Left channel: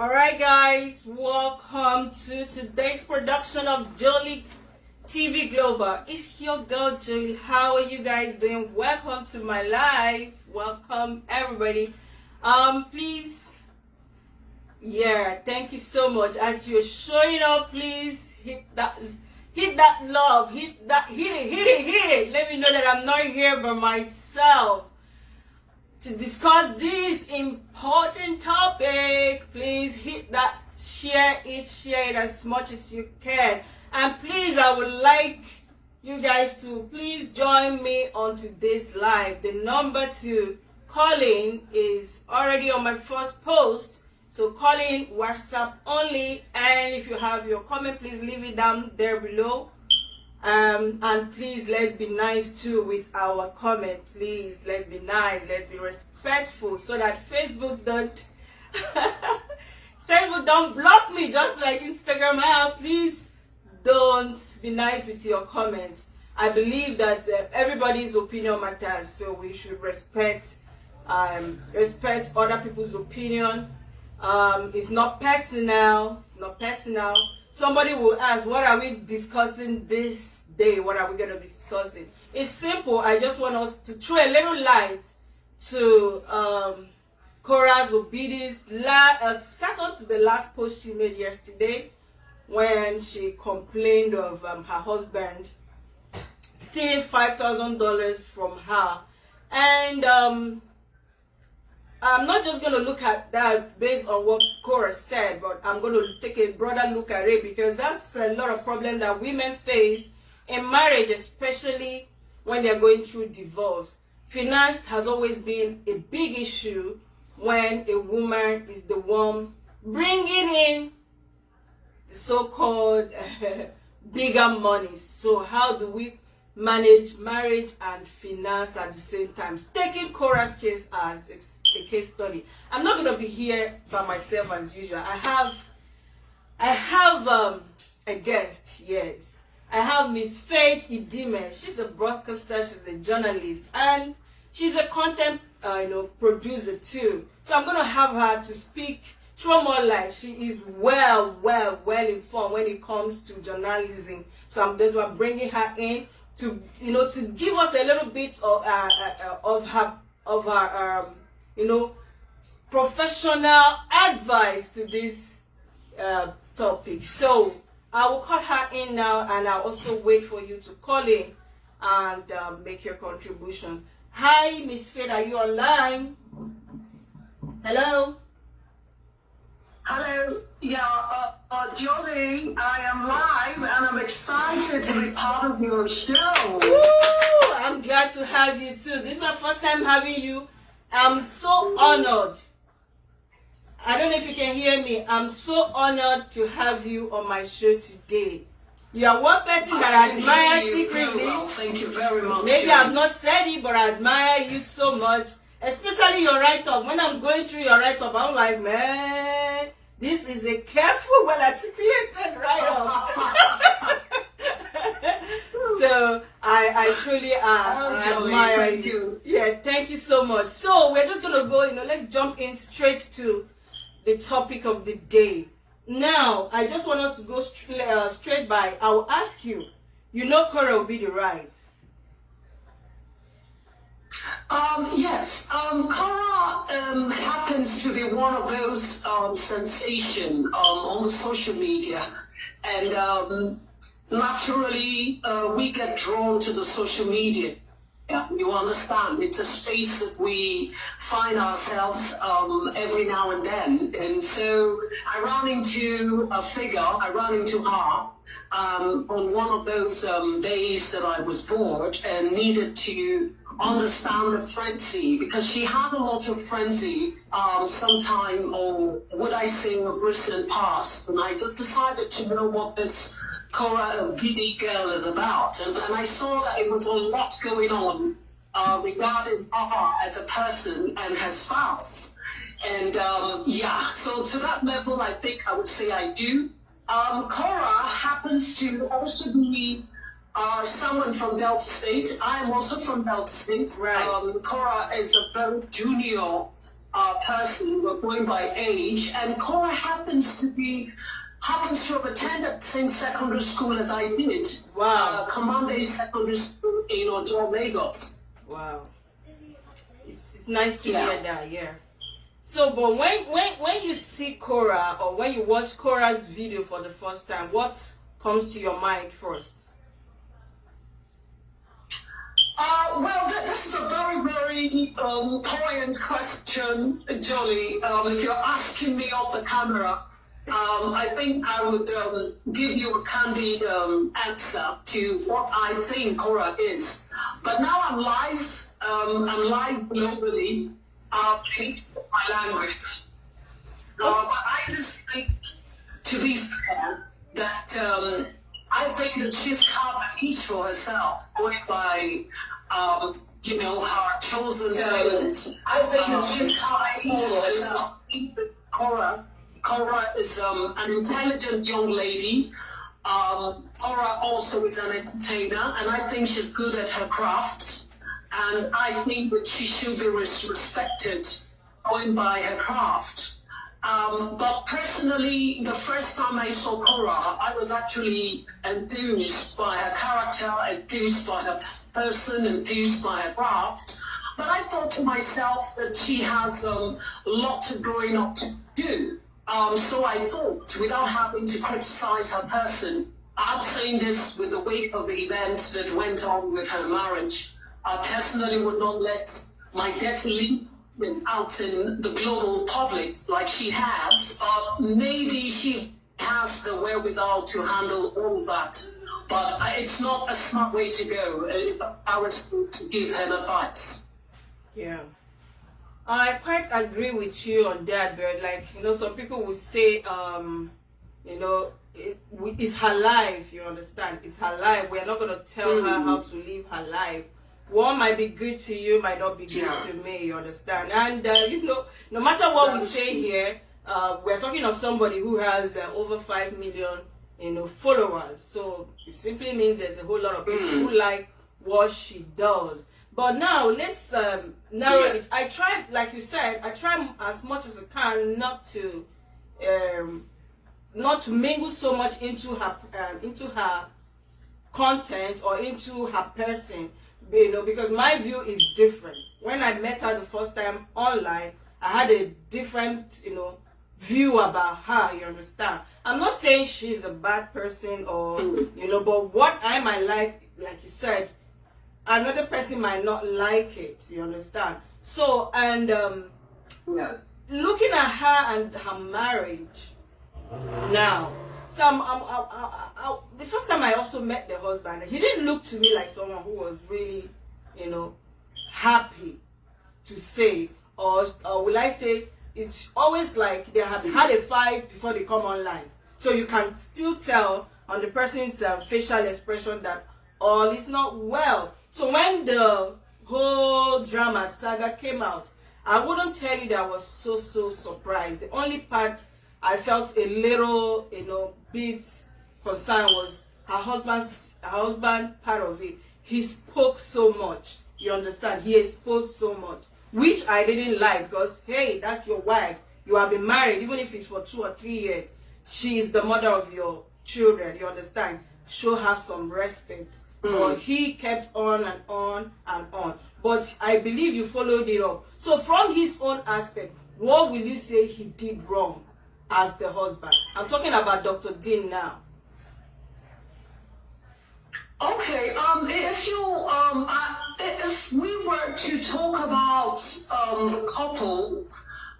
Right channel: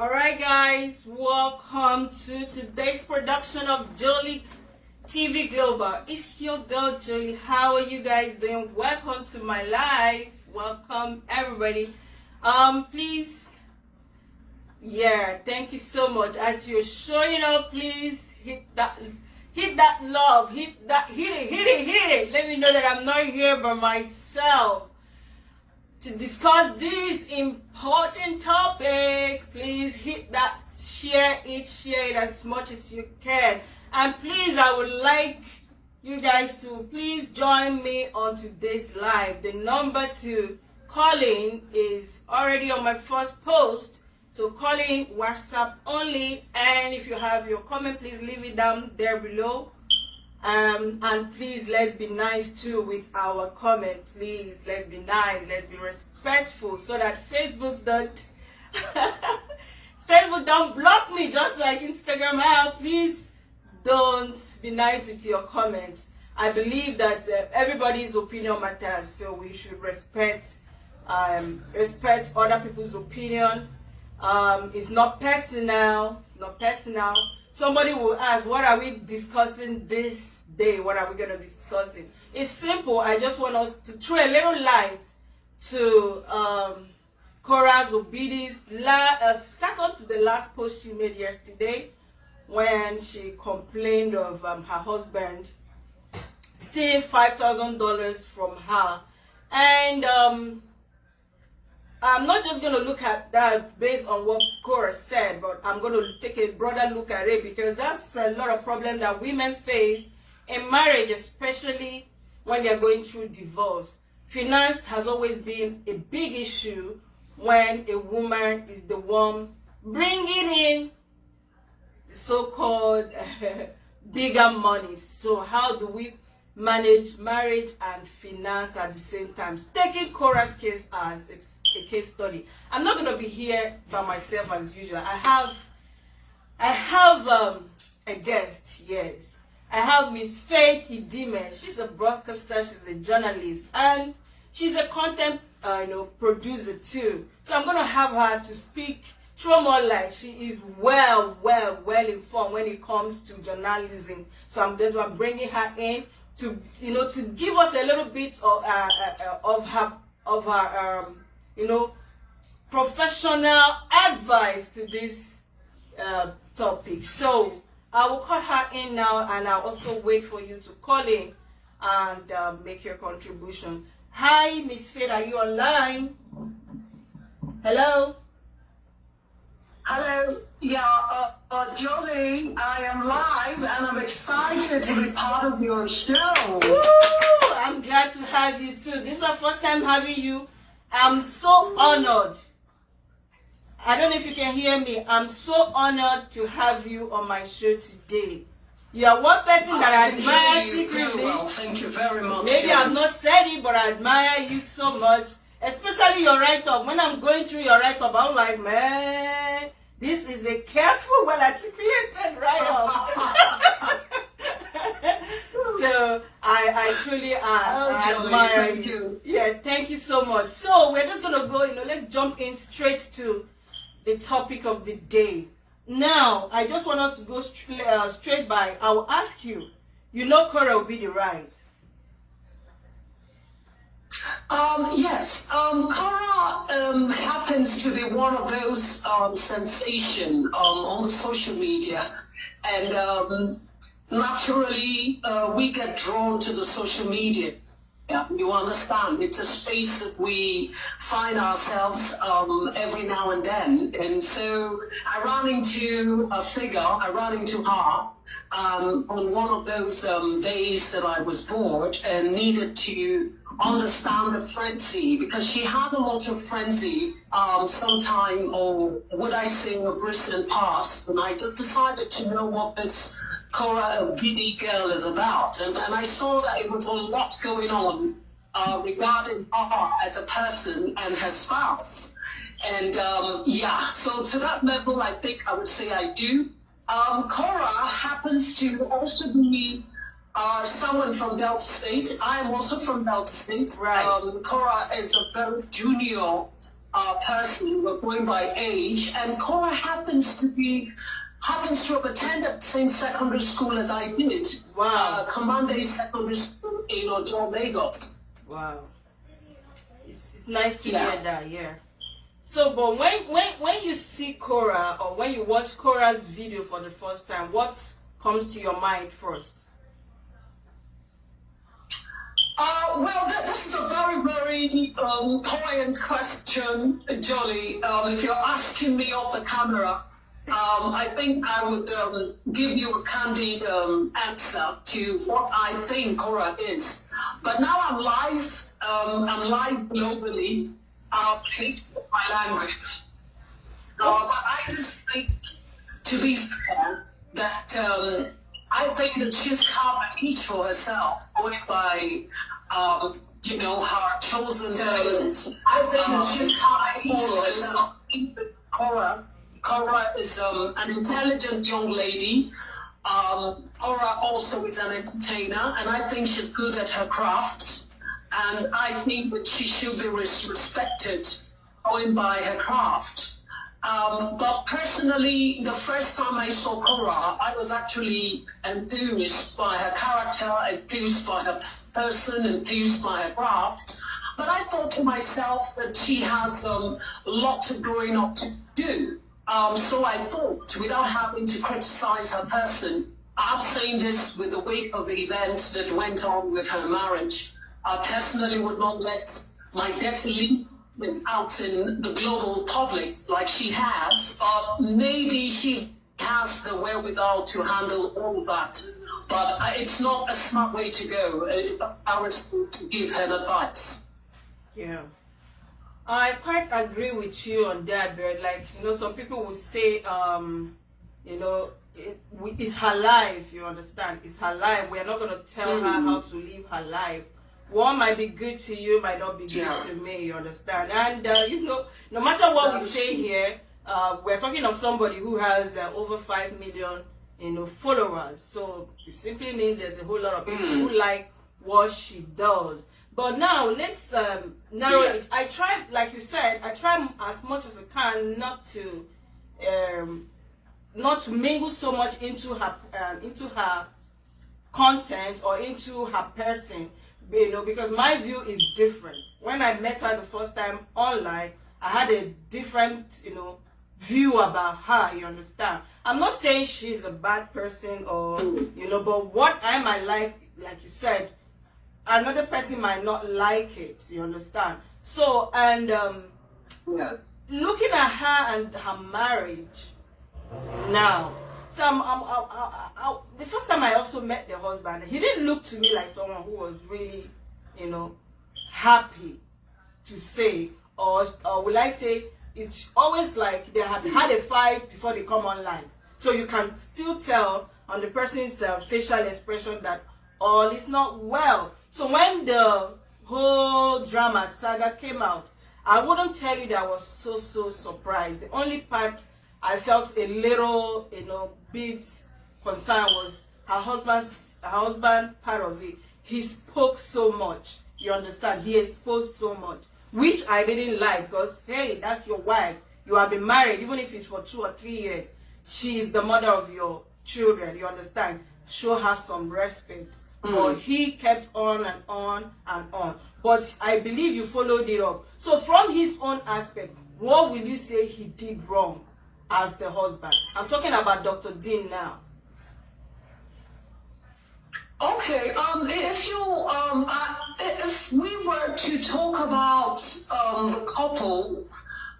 Alright guys, welcome to today's production of Jolie TV Global. It's your girl Jolie. How are you guys doing? Welcome to my live. Welcome everybody. Please, thank you so much. As you're showing up, please hit that love, hit it. Let me know that I'm not here by myself to discuss this important topic. Please hit that share it as much as you can. And please, I would like you guys to please join me on today's live. The number to call in is already on my first post. So call in, WhatsApp only. And if you have your comment, please leave it down there below. And please, let's be nice too with our comment. Please, let's be nice, let's be respectful, so that Facebook don't block me just like Instagram have. Please don't be nice with your comments. I believe that everybody's opinion matters, so we should respect other people's opinion. It's not personal. Somebody will ask, what are we discussing this day? What are we going to be discussing? It's simple. I just want us to throw a little light to Cora's obedience. Second to the last post she made yesterday, when she complained of her husband stealing $5,000 from her. And I'm not just going to look at that based on what Cora said, but I'm going to take a broader look at it, because that's a lot of problems that women face in marriage, especially when they're going through divorce. Finance has always been a big issue when a woman is the one bringing in the so-called bigger money. So how do we manage marriage and finance at the same time? Taking Cora's case as a case study. I'm not going to be here by myself as usual. I have a guest. Yes, I have Miss Faith Idime. She's a broadcaster, she's a journalist, and she's a content producer too. So I'm going to have her to speak through more light. She is well informed when it comes to journalism. So I'm bringing her in to give us a little bit of her professional advice to this topic. So I will call her in now, and I'll also wait for you to call in and make your contribution. Hi, Miss Faith, are you online? Hello. Hello, Jolie, I am live and I'm excited to be part of your show. Woo! I'm glad to have you too. This is my first time having you. I'm so honored. I don't know if you can hear me. I'm so honored to have you on my show today. You are one person that I admire secretly. Well. Thank you very much. Maybe I've not said it, but I admire you so much. Especially your write-up. When I'm going through your write-up, I'm like, man, this is a careful, well-articulated write-up. So I truly admire you. Yeah, thank you so much. So we're just gonna go, let's jump in straight to the topic of the day. Now, I just want us to go straight by. I will ask you, Cora will be the right. Yes, Cora happens to be one of those sensation on the social media, and naturally we get drawn to the social media. Yeah, you understand, it's a space that we find ourselves every now and then. And so I ran into her on one of those days that I was bored and needed to understand the frenzy, because she had a lot of frenzy sometime, or would I say, a recent past, and I just decided to know what this Cora Diddy girl is about, and I saw that it was a lot going on regarding her as a person and her spouse, and so to that level I think I would say I do. Cora happens to also be someone from Delta State. I am also from Delta State. Right. Cora is a very junior person. We're going by age, and Cora happens to have attended the same secondary school as I did. Wow. Commander Secondary School in Ojo, Lagos. Wow. It's nice to Yeah. hear that, yeah. So, but when you see Cora or when you watch Cora's video for the first time, what comes to your mind first? Well, this is a very, very poignant question, Jolly. If you're asking me off the camera, I think I would give you a candid answer to what I think Cora is. But now I'm live globally. I need to put my language. But I just think, to be fair, that I think that she's carved a niche for herself, going by, her chosen fields. I think that she's carved a niche for herself. I think that Cora is an intelligent young lady. Cora also is an entertainer, and I think she's good at her craft. And I think that she should be respected going by her craft. But personally, the first time I saw Cora, I was actually enthused by her character, enthused by her person, enthused by her craft. But I thought to myself that she has a lot of growing up to do. So I thought, without having to criticize her person, I'm saying this with the weight of the event that went on with her marriage. I personally would not let my dirty leave out in the global public like she has. Maybe she has the wherewithal to handle all that. But it's not a smart way to go if I was to give her advice. Yeah. I quite agree with you on that, but some people will say, it's her life, you understand? It's her life. We are not going to tell her how to live her life. What might be good to you might not be good to me, you understand? And, no matter what we say here, we're talking of somebody who has over 5 million, followers. So it simply means there's a whole lot of people who like what she does. But now let's narrow it. I try, like you said, I try as much as I can not to mingle so much into her content or into her person, because my view is different. When I met her the first time online, I had a different, view about her. You understand? I'm not saying she's a bad person or but what I might like you said, another person might not like it, you understand? So, and looking at her and her marriage now, so the first time I also met the husband, he didn't look to me like someone who was really, happy to say, or will I say, it's always like they had had a fight before they come online. So you can still tell on the person's facial expression that all is not well. So when the whole drama saga came out, I wouldn't tell you that I was so surprised. The only part I felt a little, bit concerned was her husband part of it. He spoke so much, you understand? He exposed so much, which I didn't like, because, hey, that's your wife. You have been married, even if it's for 2 or 3 years. She is the mother of your children, you understand? Show her some respect. But he kept on and on and on. But I believe you followed it up. So from his own aspect, what will you say he did wrong as the husband? I'm talking about Dr. Dean now. Okay, if we were to talk about the couple,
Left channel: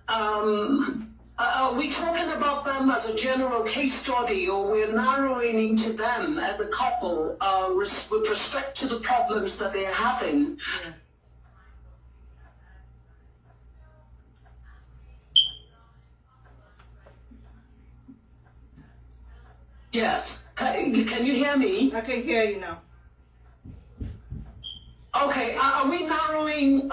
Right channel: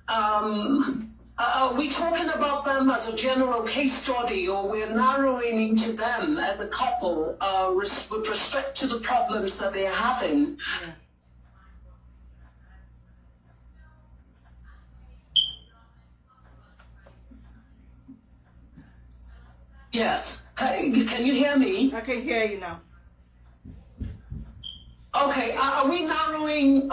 are we talking about them as a general case study, or we're narrowing into them as a couple with respect to the problems that they're having? Yeah. Yes. Can you hear me? I can hear you now. Okay, are we narrowing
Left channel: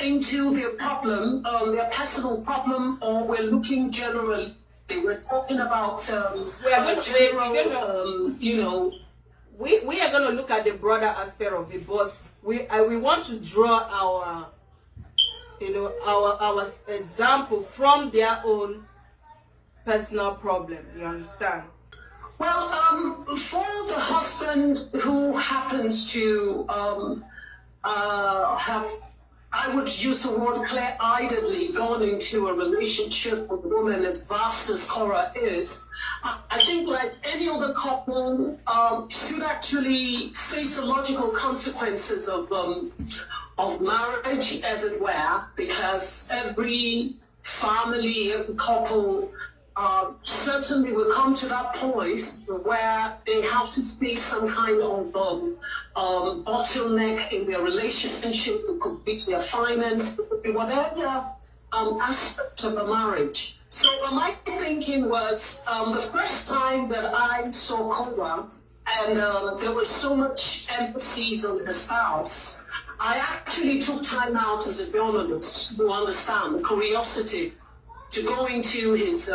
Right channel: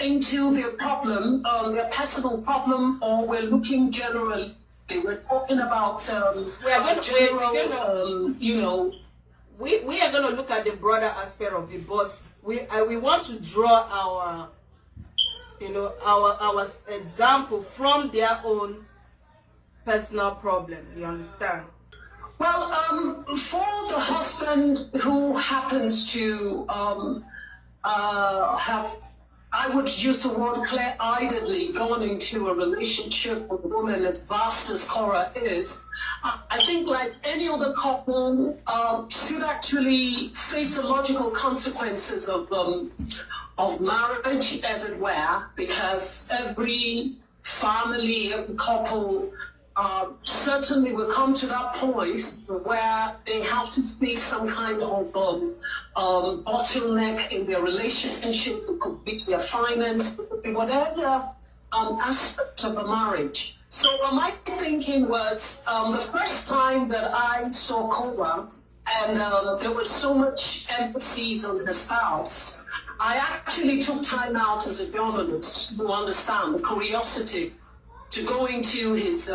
into their problem, their personal problem, or we're looking generally? We're talking about We are going to look at the broader aspect of it, but we want to draw our example from their own personal problem. You understand? Well, for the husband who happens to have, I would use the word clear-eyedly, gone into a relationship with a woman as vast as Cora is, I think like any other couple should actually face the logical consequences of marriage, as it were, because every family, every couple certainly will come to that point where they have to face some kind of bottleneck in their relationship. It could be their finance, it could be whatever aspect of a marriage. So my thinking was the first time that I saw Cora, and there was so much emphasis on her spouse, I actually took time out as a journalist to understand the curiosity, to go into his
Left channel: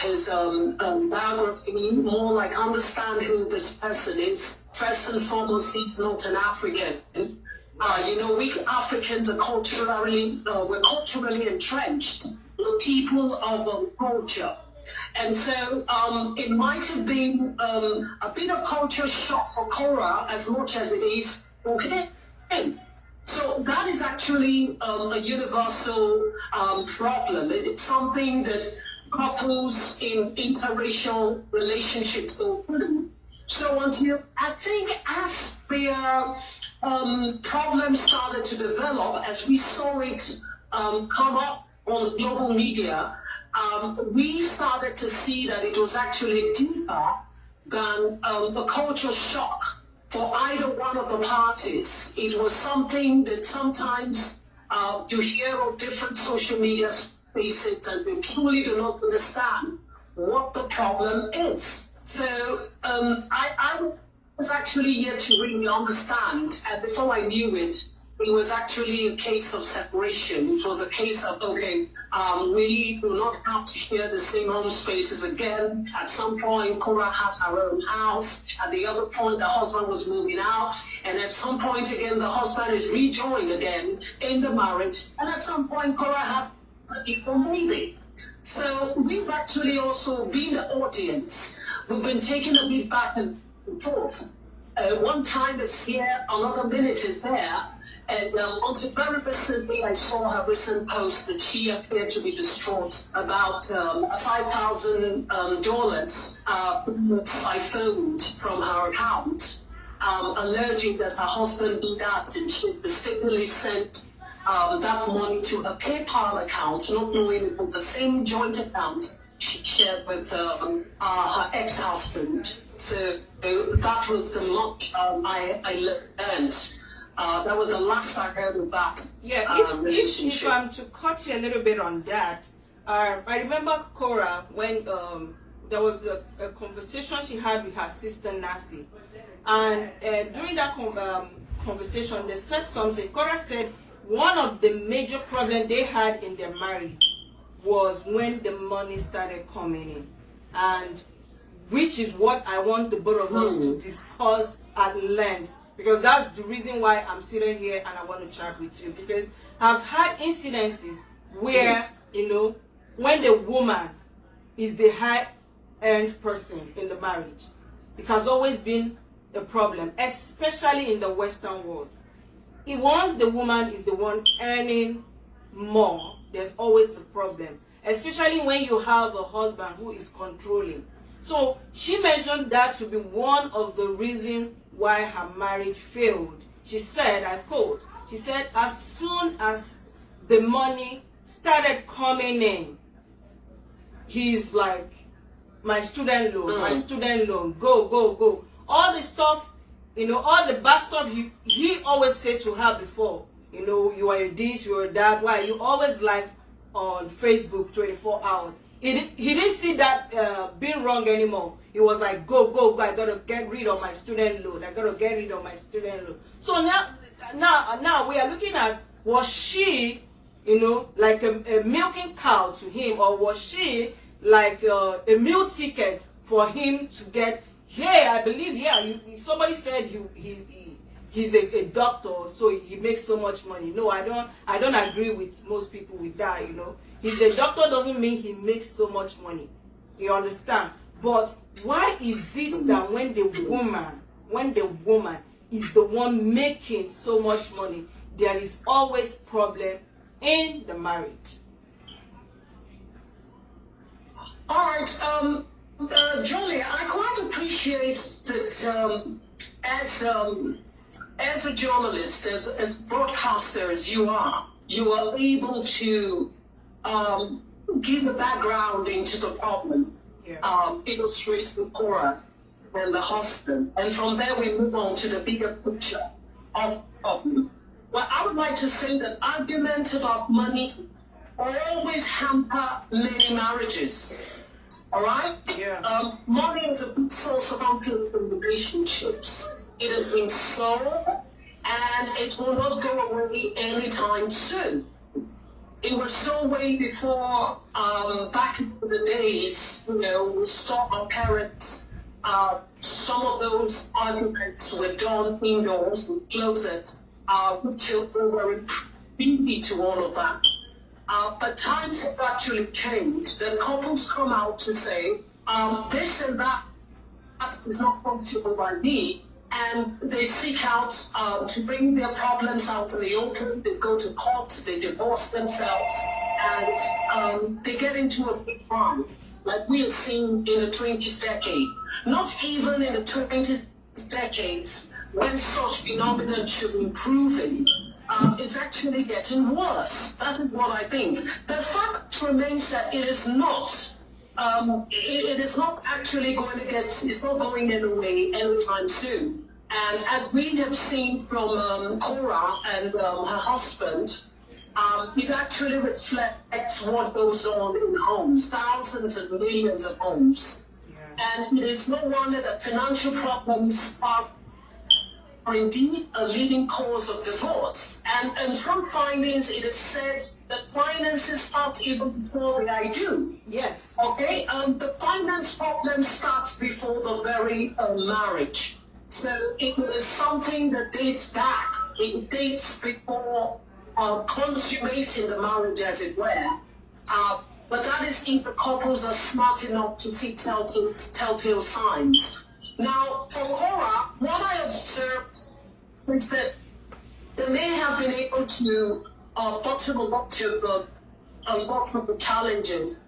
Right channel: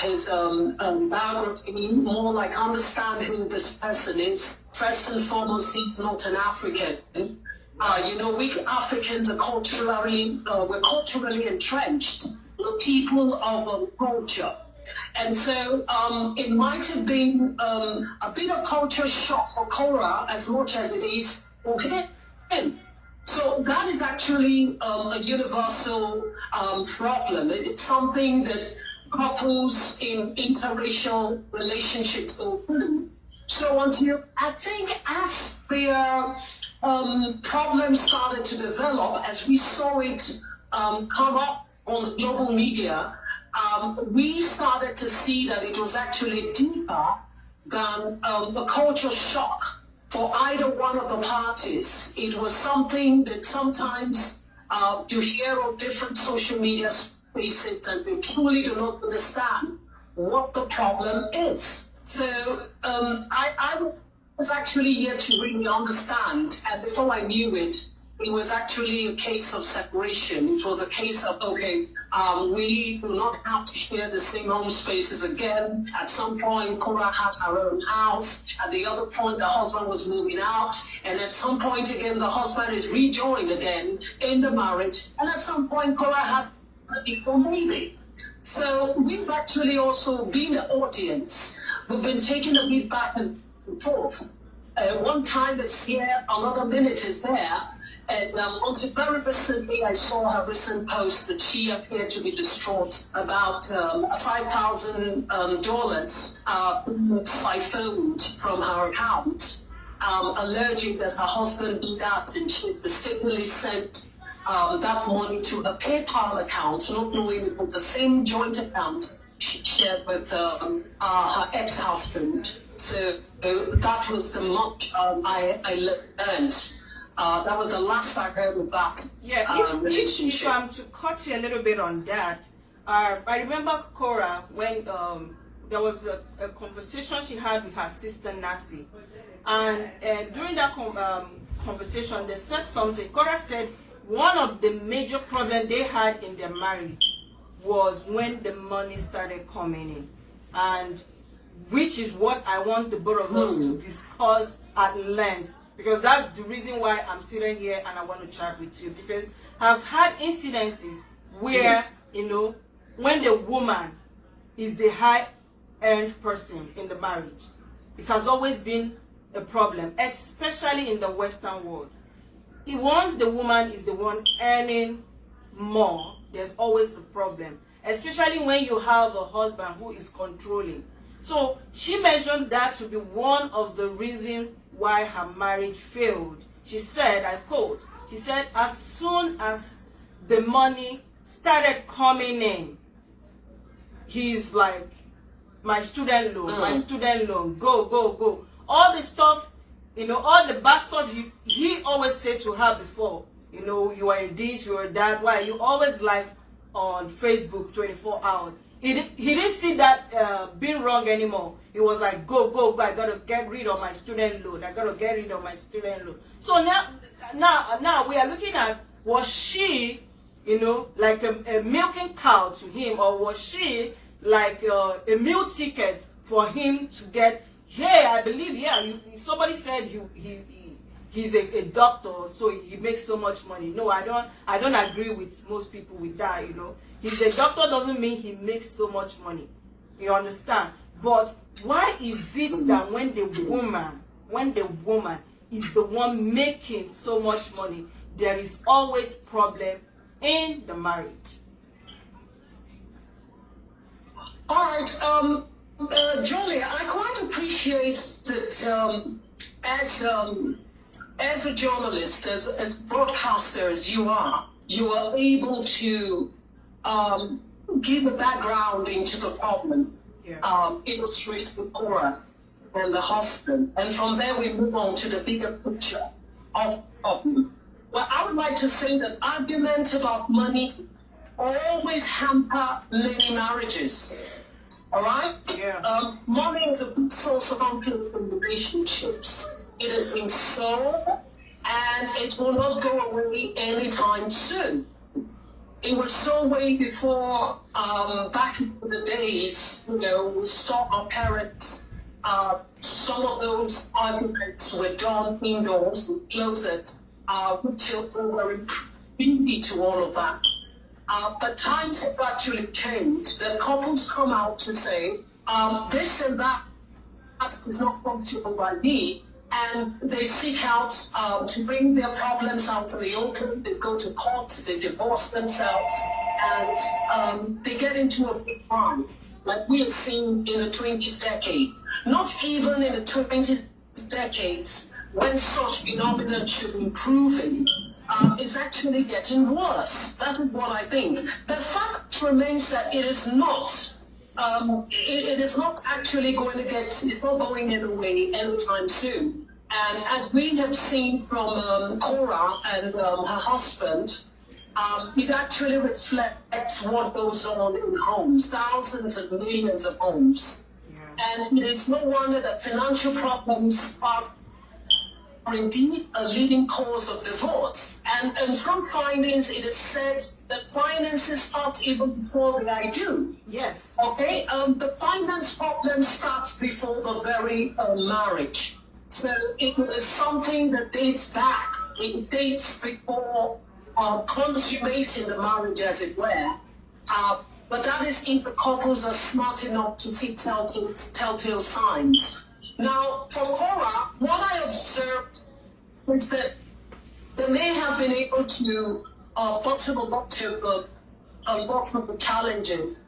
biography, more like understand who this person is. First and foremost, he's not an African. We Africans are we're culturally entrenched. We're people of culture. And so it might have been a bit of culture shock for Cora as much as it is for him. So that is actually a universal problem. It's something that couples in interracial relationships go through. So I think as their problems started to develop, as we saw it come up on global media, we started to see that it was actually deeper than a culture shock for either one of the parties. It was something that sometimes you hear of different social media spaces and you truly do not understand what the problem is. So I was actually yet to really understand, and before I knew it, it was actually a case of separation. It was a case of, okay, we do not have to share the same home spaces again. At some point, Cora had her own house. At the other point, the husband was moving out. And at some point, again, the husband is rejoined again in the marriage. And at some point, Cora had a newborn baby. So we've actually also been an audience. We've been taking a bit back and forth. One time it's here, another minute is there. And until very recently, I saw her recent post that she appeared to be distraught about $5,000 siphoned from her account, alleging that her husband did that, and she mistakenly sent that money to a PayPal account, not knowing it was the same joint account she shared with her ex-husband. So that was the much I learned. That was the last I heard of that. Yeah, if I'm to cut you a little bit on that, I remember Cora when there was a conversation she had with her sister Nancy, and during that conversation, they said something. Cora said one of the major problems they had in their marriage was when the money started coming in, and which is what I want the both of us to discuss at length. Because that's the reason why I'm sitting here and I want to chat with you. Because I've had incidences where, when the woman is the high-end person in the marriage, it has always been a problem, especially in the Western world. Once the woman is the one earning more, there's always a problem. Especially when you have a husband who is controlling. So she mentioned that to be one of the reasons why her marriage failed. She said, I quote, she said, as soon as the money started coming in, he's like, my student loan, go. All the stuff, all the bad stuff he always said to her before, you are this, you are that, why you always live on Facebook 24 hours. He didn't see that being wrong anymore. He was like, go, I gotta get rid of my student loan. So now we are looking at, was she, like a milking cow to him, or was she like a meal ticket for him to get? Hey, I believe, somebody said he's a doctor, so he makes so much money. No, I don't agree with most people with that, you know. He's a doctor doesn't mean he makes so much money. You understand? But why is it that when the woman is the one making so much money, there is always problem in the marriage? All right, Jolie, I quite appreciate that as a journalist, as broadcaster as you are able to give a background into the problem, illustrate the Cora and the husband, and from there we move on to the bigger picture of the problem. Well, I would like to say that arguments about money always hamper many marriages. All right? Yeah. Money is a big source of conflict in relationships. It has been so, and it will not go away anytime soon. It was so way before, back in the days, you know, we saw our parents, some of those arguments were done indoors with closet. Children were privy to all of that. But times have actually changed. The couples come out to say, this and that is not comfortable by me. And they seek out to bring their problems out in the open. They go to court, they divorce themselves, and they get into a big fight, like we have seen in the 20th decade. Not even in the 20th decades, when such phenomenon should be improving. It's actually getting worse. That is what I think. The fact remains that it is not. It is not actually going to get. It's not going away anytime soon. And as we have seen from Cora and her husband, it actually reflects what goes on in homes, thousands and millions of homes. Yeah. And it is no wonder that financial problems are indeed a leading cause of divorce. And from finance, it is said that finances start even before the I do. Yes. Okay? The finance problem starts before the very marriage. So it is something that dates back. It dates before consummating the marriage, as it were. But that is if the couples are smart enough to see telltale signs. Now, for Cora, what I observed is that they may have been able to bottom a lot of the challenges.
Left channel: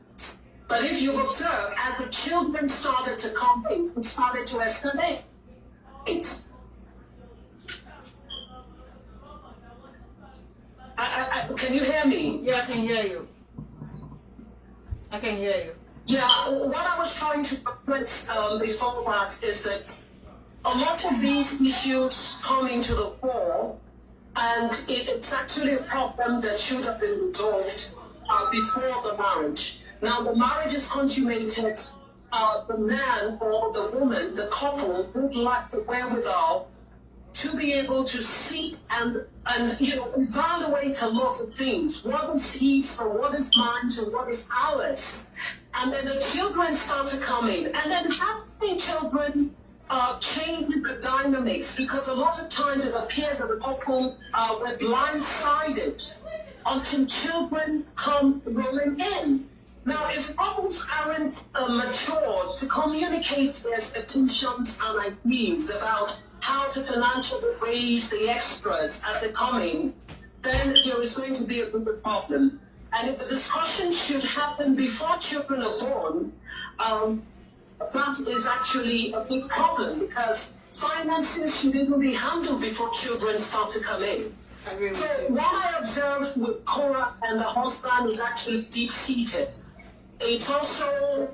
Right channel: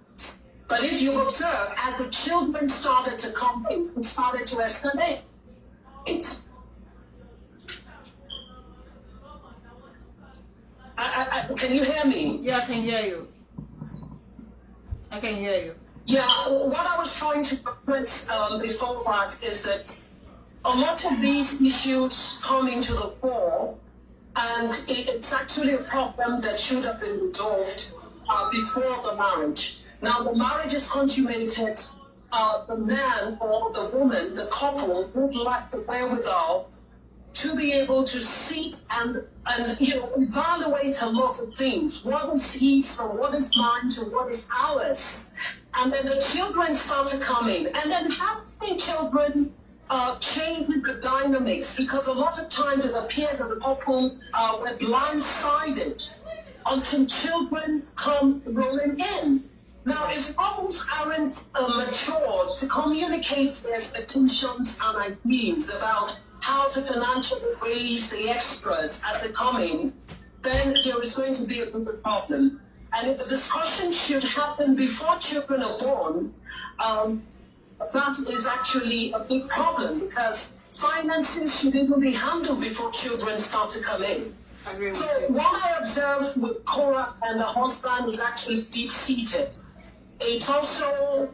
But if you observe, as the children started to come in, it started to escalate. Can you hear me? Yeah, I can hear you. I can hear you. Yeah, what I was trying to express before that is that a lot of these issues come into the fore, and it's actually a problem that should have been resolved before the marriage. Now, the marriage is consummated. The man or the woman, the couple, would lack the wherewithal to be able to sit and evaluate a lot of things. What is his, or what is mine, to what is ours? And then the children start to come in. And then having children changes the dynamics, because a lot of times it appears that the couple were blindsided until children come rolling in. Now, if couples aren't matured to communicate their expectations and ideas about how to financially raise the extras as they come in, then there is going to be a bigger problem. And if the discussion should happen before children are born, that is actually a big problem, because finances should even be handled before children start to come in. So what I observed with Cora and the husband is actually deep-seated. It also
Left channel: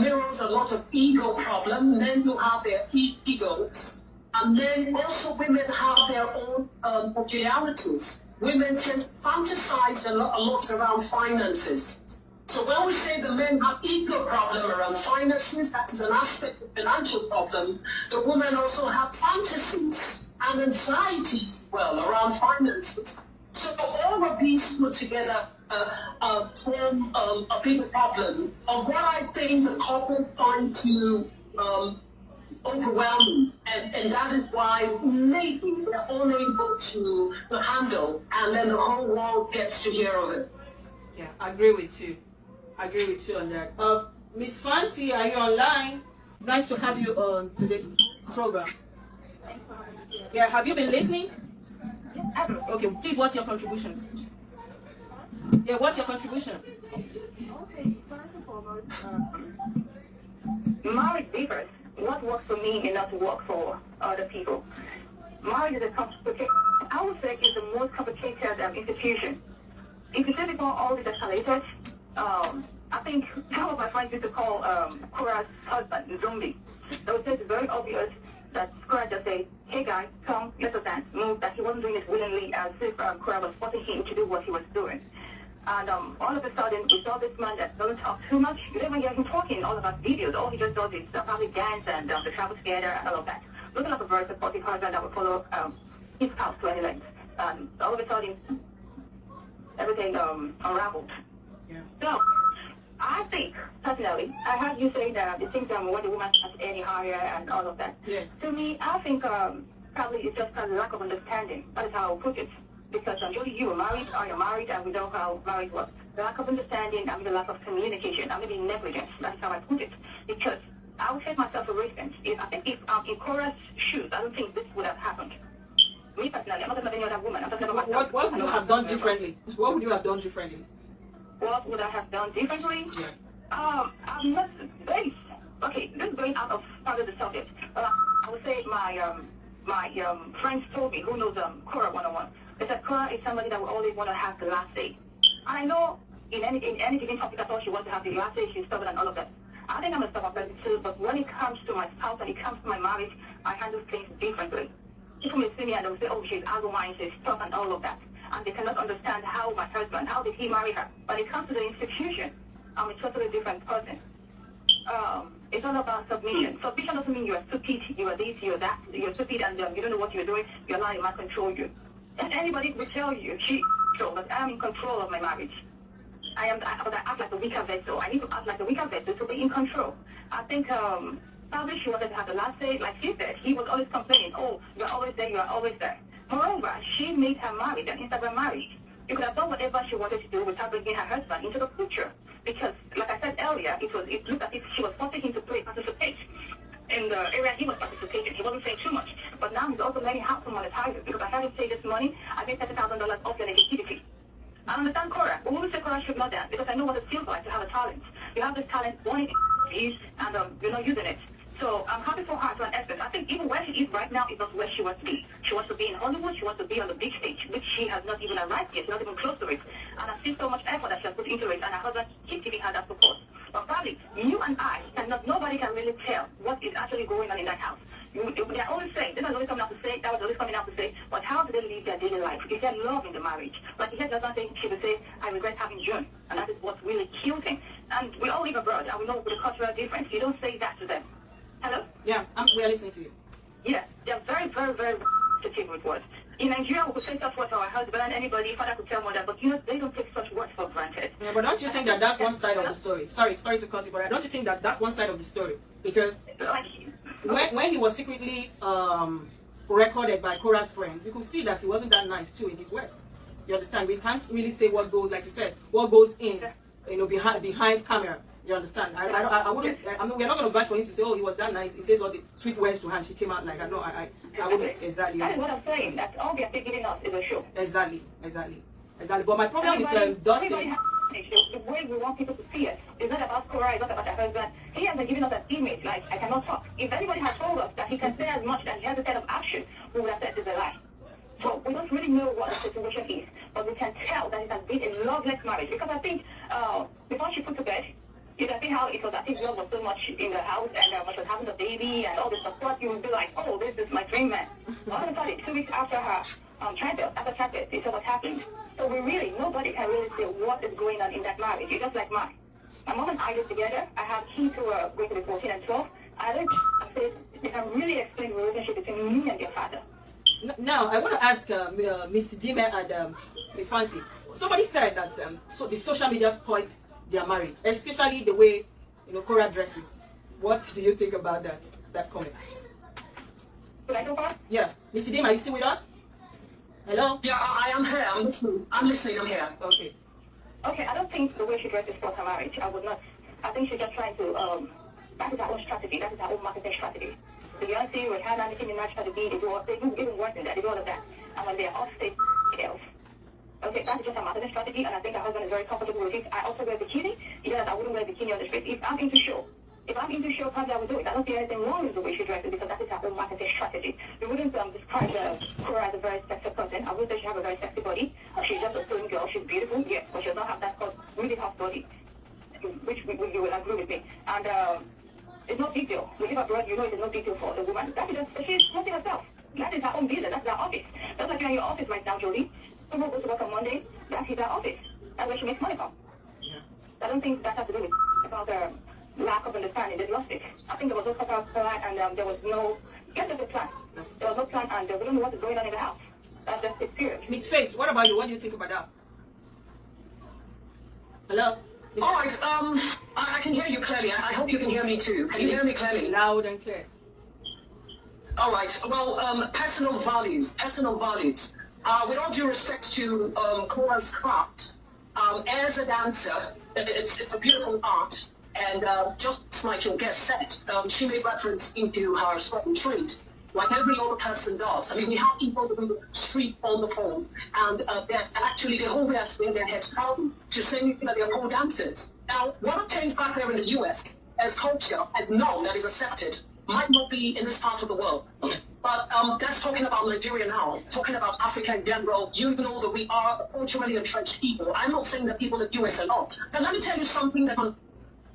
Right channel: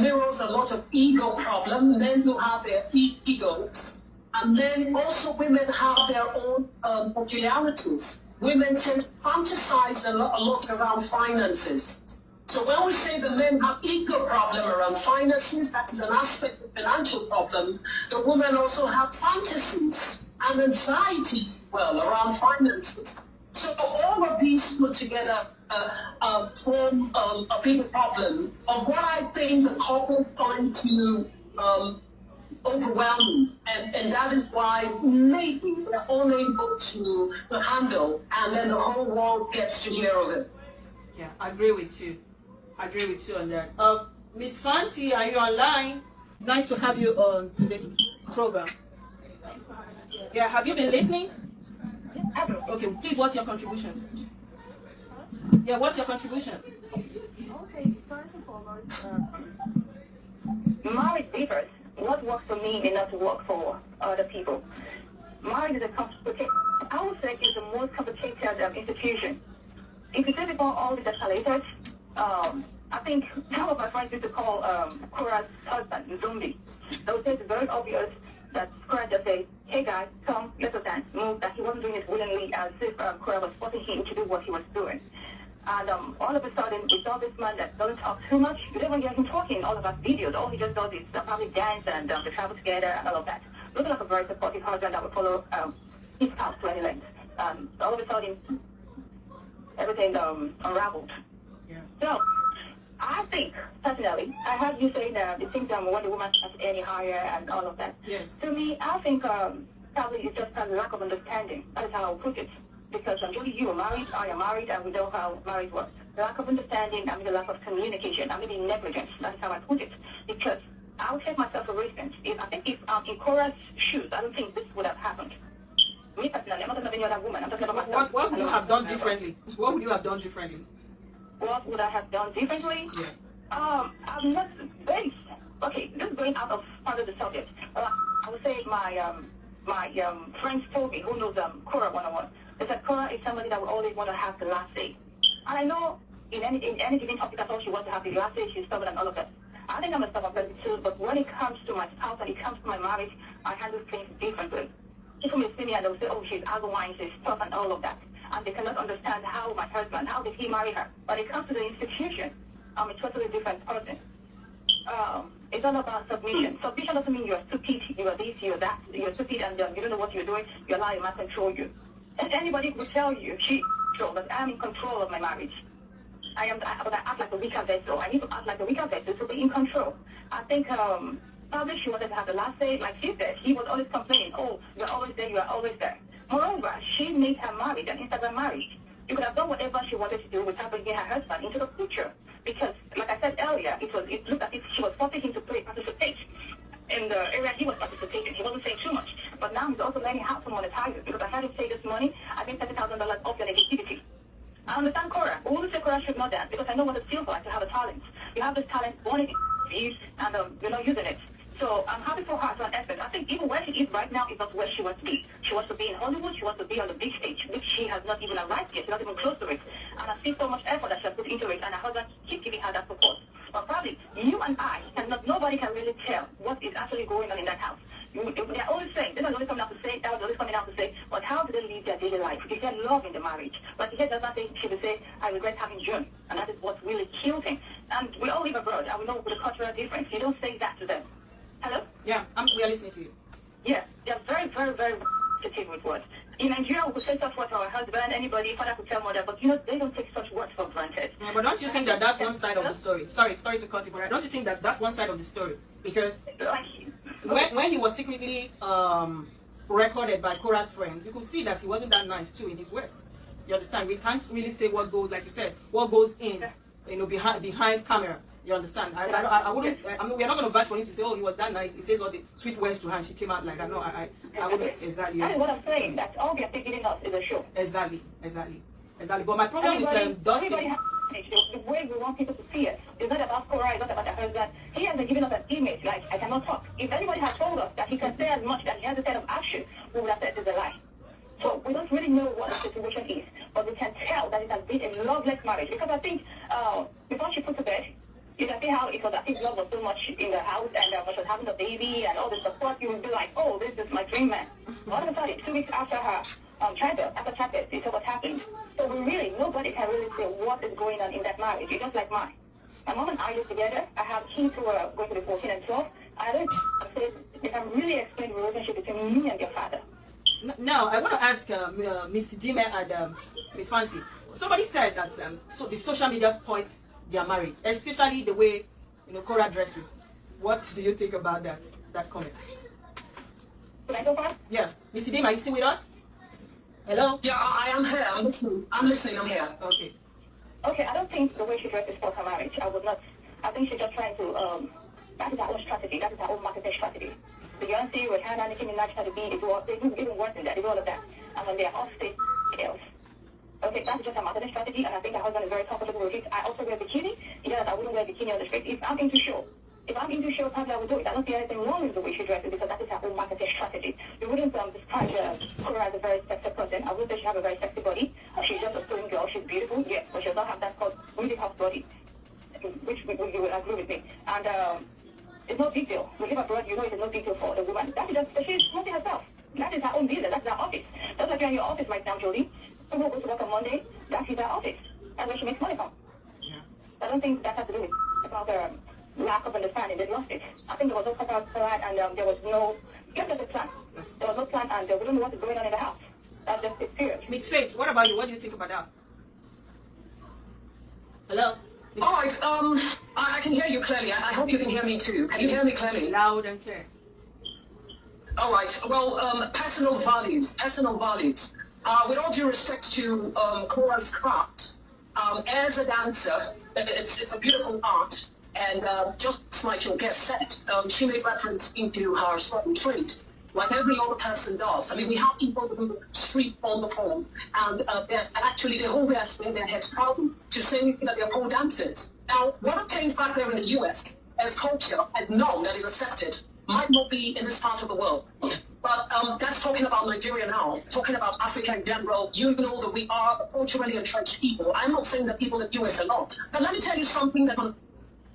mirrors a lot of ego problem. Men who have their egos, and then also women have their own peculiarities. Women tend to fantasize a lot around finances. So when we say the men have ego problem around finances, that is an aspect of financial problem. The women also have fantasies and anxieties, well, around finances. So all of these put together form a bigger problem of what I think the couple find to overwhelming, and that is why maybe we're unable to handle, and then the whole world gets to hear of it. Yeah, I agree with you. I agree with you on that. Miss Fancy, are you online? Nice to have you on today's program. Yeah, have you been listening? Okay, please, what's your contribution? Yeah, what's your contribution? Okay, first and foremost, marriage differs. What works for me may not work for other people. Marriage is a complicated, I would say, is the most complicated institution. If you say before all this escalated, I think some of my friends used to call Cora's husband zombie. I would say it's very obvious that Cora just said, hey guys, come, let us dance, move, that he wasn't doing it willingly as if Cora was forcing him to do what he was doing. And all of a sudden, we saw this man that doesn't talk too much. You don't even hear him talking in all of our videos. All he just does is public dance and they travel together and all of that. Looking like a very supportive husband that would follow his path to any length. And all of a sudden, everything unraveled. Yeah. So, I think, personally, I heard you say that you think when the woman gets any higher and all of that. Yes. To me, I think probably it's just a lack of understanding. That is how I'll put it. Because usually you are married, I am married, and we know how marriage works. The lack of understanding, I mean the lack of communication, I mean negligence. That's how I put it. Because I would take myself a risk. If in Cora's shoes, I don't think this would have happened. Me personally, I'm not talking about any other woman. I'm talking about myself. What would you have done differently? What would you have done differently? What would I have done differently? Yeah. I'm not based. Okay, this is going out of part of the subject. I would say my friends told me, who knows Cora 101, they said Cora is somebody that will always want to have the last say. And I know in any given topic, I thought she wants to have the last say, she's stubborn and all of that. I think I'm a stubborn person too, but when it comes to my spouse and it comes to my marriage, I handle things differently. People may see me and they'll say, oh, she's otherwise, she's tough and all of that. And they cannot understand how my husband, how did he marry her? When it comes to the institution, I'm a totally different person. It's all about submission. Submission doesn't mean you're stupid, you are this, you're that, you're stupid and you don't know what you're doing, your life might control you. And anybody will tell you, but I'm in control of my marriage. But I act like a weaker vessel. I need to act like a weaker vessel to be in control. I think probably she wanted to have the last say, like she said, he was always complaining, oh, you're always there, you are always there. Moreover, she made her marriage an Instagram marriage. You could have done whatever she wanted to do without bringing her husband into the picture. Because, like I said earlier, it looked as if she was forcing him to participate in the area he was participating. He wasn't saying too much. But now he's also learning how to monetize it. Because I heard him say this morning, I made $30,000 off your negativity. I understand Cora. But when we say Cora should not dance, because I know what it feels like to have a talent. You have this talent, wanting to use, and you're not using it. So I'm happy for her to an extent. I think even where she is right now is not where she wants to be. She wants to be in Hollywood. She wants to be on the big stage, which she has not even arrived yet. She's not even close to it. And I see so much effort that she has put into it, and her husband keeps giving her that support. But probably you and I cannot. Nobody can really tell what is actually going on in that house. They're always saying, they're always coming out to say, that was always coming out to say, but how do they live their daily life? Is there love in the marriage? Like he said the other day, she would say, I regret having June, and that is what really kills him. And we all live abroad, and we know the cultural difference. You don't say that to them. Hello? Yeah, we are listening to you. Yeah, they're very, very, very sensitive with words. In Nigeria, we could say such words for our husband, anybody, father could tell mother, but they don't take such words for granted. Yeah, but don't you think that that's one side of the story? Sorry to cut you, but don't you think that that's one side of the story? Because when he was secretly recorded by Cora's friends, you could see that he wasn't that nice too in his words. You understand? We can't really say what goes, like you said, what goes in, behind camera. You understand? I wouldn't. I mean, we're not going to vouch for him to say, "Oh, he was that nice." He says all the sweet words to her, and she came out like that. No, I wouldn't exactly. That is what I'm saying. That all they're giving us is a show. Exactly. But my problem with Dustin. The way we want people to see it is not about Cora, it's not about her husband. He has been giving us an image like I cannot talk. If anybody had told us that he can say as much that he has a set of action, we would have said it's a lie. So we don't really know what the situation is, but we can tell that it has been a loveless marriage. Because I think before she put to bed, you can see how it was, I think love was so much in the house and she was having a baby and all this. Of course, you will be like, oh, this is my dream man. All of a sudden, 2 weeks after her childbirth, this is what happened. So nobody can really say what is going on in that marriage. It's just like mine. My mom and I live together. I have kids who are going to be 14 and 12. I don't say you can really explain the relationship between me and your father. Now, I want to ask Miss Dime and Miss Fancy. Somebody said that so the social media spoils their marriage, especially the way Cora dresses. What do you think about that? that comment. Could I go first? Yeah. Missy Dim, are you still with us? Hello? Yeah, I am here. I'm listening. I'm here. Okay. Okay, I don't think the way she dressed is for her marriage. I would not. I think she's just trying to, that is her own strategy. That is her own marketing strategy. Beyonce, Rihanna, Nicki Minaj, Cardi B, they do even worse than that. They do all of that. And when they are off stage, else. Okay, that's just a marketing strategy, and I think her husband is very comfortable with it. I also wear bikini. Yes, I wouldn't wear bikini on the street. If I'm into show, probably I would do it. I don't see anything wrong with the way she dresses because that is her own marketing strategy. We wouldn't describe Cora as a very sexy person. I would say she has a very sexy body. She's just a slim girl. She's beautiful, yes, but she does not have that really hot body, which you will agree with me. And it's no big deal. We give her birth, you know it's no big deal for the woman. That is just, she's promoting herself. That is her own business. That's her office. That's like you're in your office right now, Jolie. Someone goes to work on Monday, that's her office. That's where she makes money from. Yeah. I don't think that has to do with about the lack of understanding. They lost it. I think there was no proper plan, and there was no, yes, there's a plan. There was no plan, and they wouldn't know what's going on in the house. That's just it, period. Miss Faith, what about you? What do you think about that? Hello? All right. I can hear you clearly. I hope you can hear me too. Can you hear me clearly? Loud and clear. All right. Well, personal values. With all due respect to Cora's craft, as a dancer, it's a beautiful art. And just like your guest said, she made reference into her certain trait, like every other person does. I mean, we have people who do the street on the pole, and they hold their heads proudly to saying that they're pole dancers. Now, what obtains back there in the U.S. as culture, as known, that is accepted, might not be in this part of the world. But that's talking about Nigeria now, talking about Africa in general. You know that we are a culturally entrenched people. I'm not saying that people in the U.S. are not. But let me tell you something that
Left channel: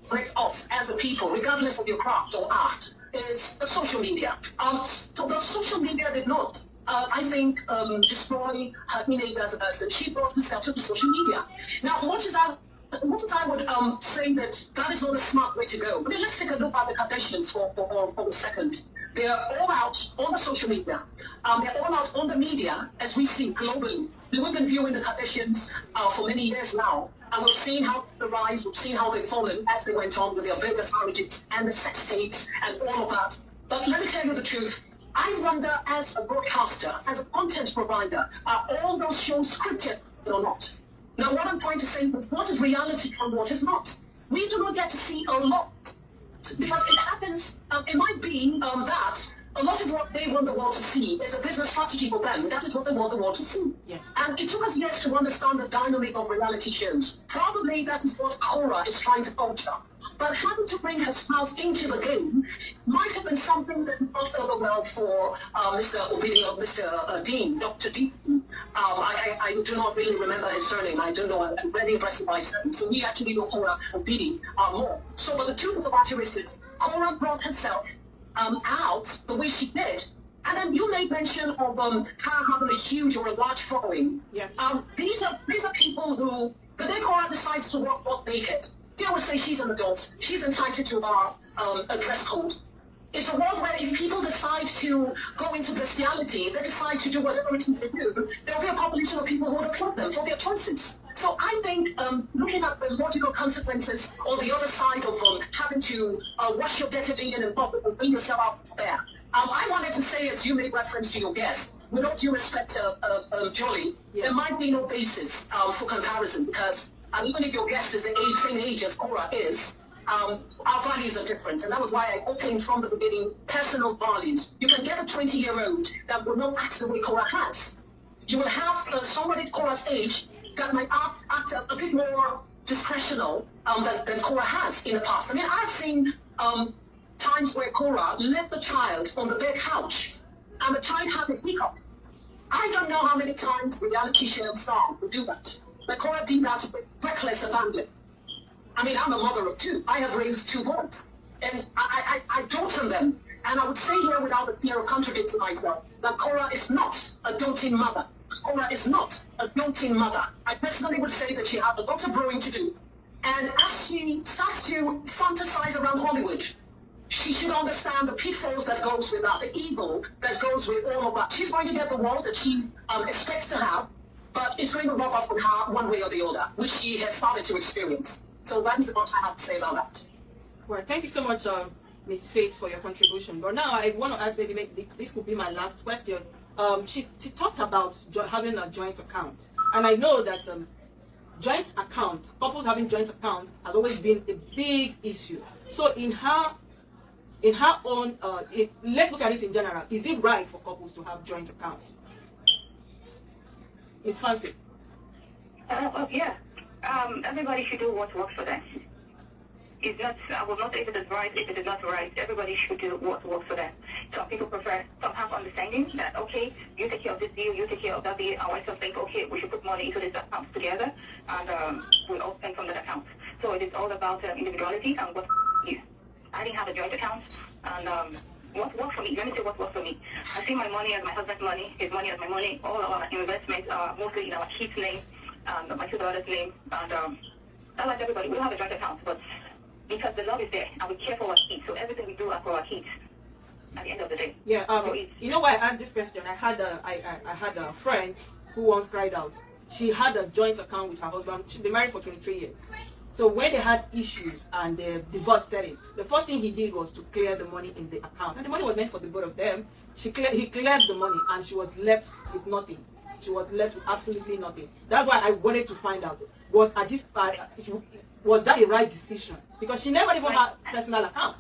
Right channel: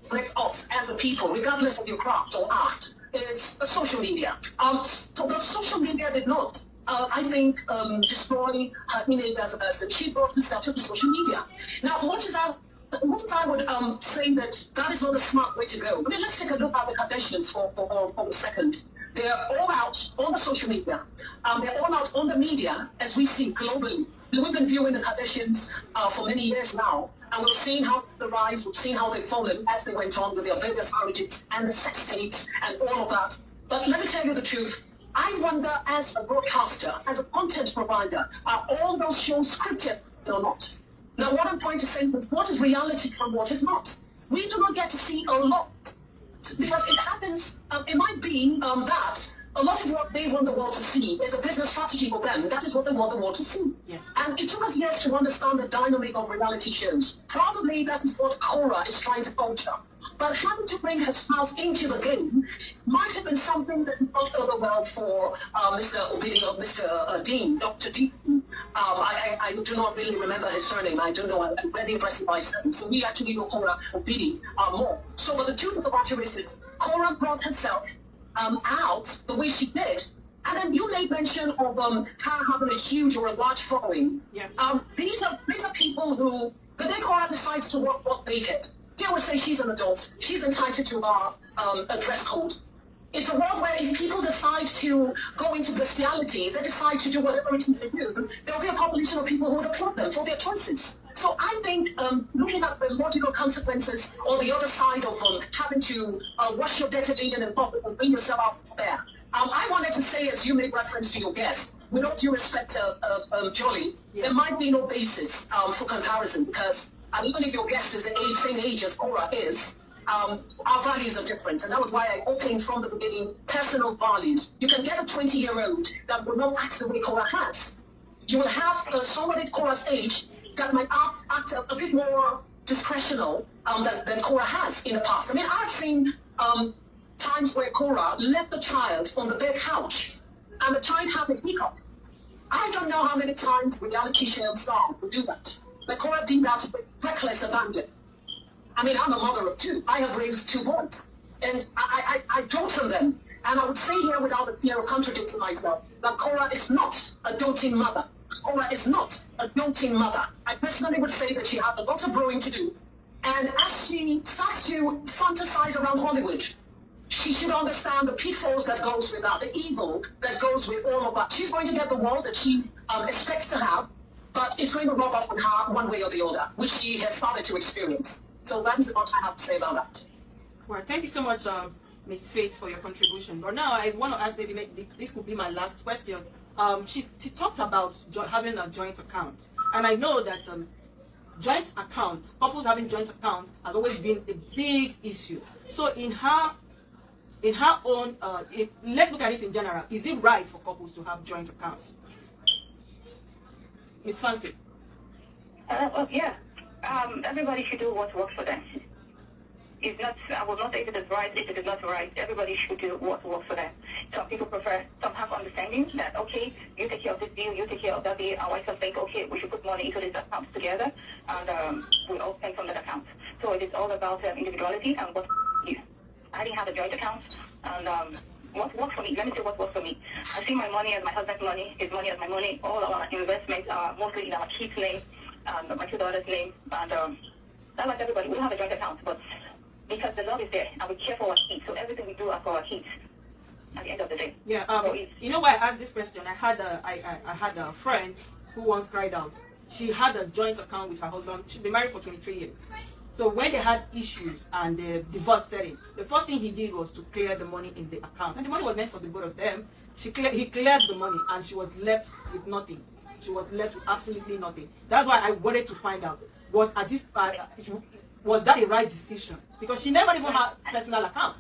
connects us as a people, regardless of your craft or art, is social media. So the social media did not, I think, destroy her image as a person. She brought herself to the social media. Now, much as I would say that is not a smart way to go. I mean, let's take a look at the Kardashians for a second. They're all out on the social media. They're all out on the media, as we see globally. We've been viewing the Kardashians for many years now, and we've seen how the rise, we've seen how they've fallen as they went on with their various marriages and the sex tapes and all of that. But let me tell you the truth. I wonder, as a broadcaster, as a content provider, are all those shows scripted or not? Now, what I'm trying to say is, what is reality from what is not? We do not get to see a lot, because it happens, it might be that a lot of what they want the world to see is a business strategy for them. That is what they want the world to see. Yes. And it took us years to understand the dynamic of reality shows. Probably that is what Cora is trying to culture. But having to bring her spouse into the game might have been something that not overwhelmed for Mr. Obidi or Mr. Dean, Dr. Dean. I do not really remember his surname. I don't know. I'm very impressed by his surname. So we actually know Cora Obidi more. So, but the truth of the matter is that Cora brought herself out the way she did. And then you made mention of her having a huge or a large following. Yeah. These are people who, the day Cora decides to walk naked, they will say she's an adult. She's entitled to a dress code. It's a world where if people decide to go into bestiality, they decide to do whatever it is they do, there'll be a population of people who would applaud them for their choices. So I think looking at the logical consequences or the other side of having to wash your dirty linen in public and bring yourself out there, I wanted to say, as you made reference to your guest, with all due respect to Jolie, there might be no basis for comparison, because even if your guest is the same age as Cora is, our values are different. And that was why I opened from the beginning personal values. You can get a 20-year-old that will not act the way Cora has. You will have somebody at Cora's age that might act a bit more discretional than Cora has in the past. I mean, I've seen times where Cora left the child on the bed couch and the child had a hiccup. I don't know how many times reality show stars will do that. But Cora did that with reckless abandon. I mean, I'm a mother of two. I have raised two boys. And I dote on them. And I would say here without the fear of contradicting myself that Cora is not a doting mother. Cora is not a doting mother. I personally would say that she has a lot of growing to do. And as she starts to fantasize around Hollywood, she should understand the pitfalls that goes with that, the evil that goes with all of that. She's going to get the world that she expects to have, but it's going to rub off on her one way or the other, which she has started to experience. So that is what I have to say about that. Well, thank you so much, Miss Faith, for your contribution. But now I want to ask, maybe this could be my last question. She talked about having a joint account, and I know that joint account, couples having joint account, has always been a big issue. So in her own, let's look at it in general. Is it right for couples to have joint account? Miss Fancy. Yeah. Everybody should do what works for them. It's not, I will not say if it is right, if it is not right. Everybody should do what works for them. Some people prefer, some have understanding that, okay, you take care of this deal, you take care of that deal. I some think, okay, we should put money into this account together, and we'll all spend from that account. So it is all about individuality and what you. I didn't have a joint account, and what works for me, let me say what works for me. I see my money as my husband's money, his money as my money. All our investments are mostly in our kids' name, my two daughters' name, and not like everybody, we don't have a joint account, but because the love is there, and we care for our kids, so everything we do are for our kids at the end of the day. Yeah, you know why I asked this question? I had a friend who once cried out. She had a joint account with her husband. She'd been married for 23 years. So when they had issues and the divorce setting, the first thing he did was to clear the money in the account. And the money was meant for the both of them. He cleared the money, and she was left with nothing. She was left with absolutely nothing. That's why I wanted to find out, was that a right decision? Because she never even had personal account.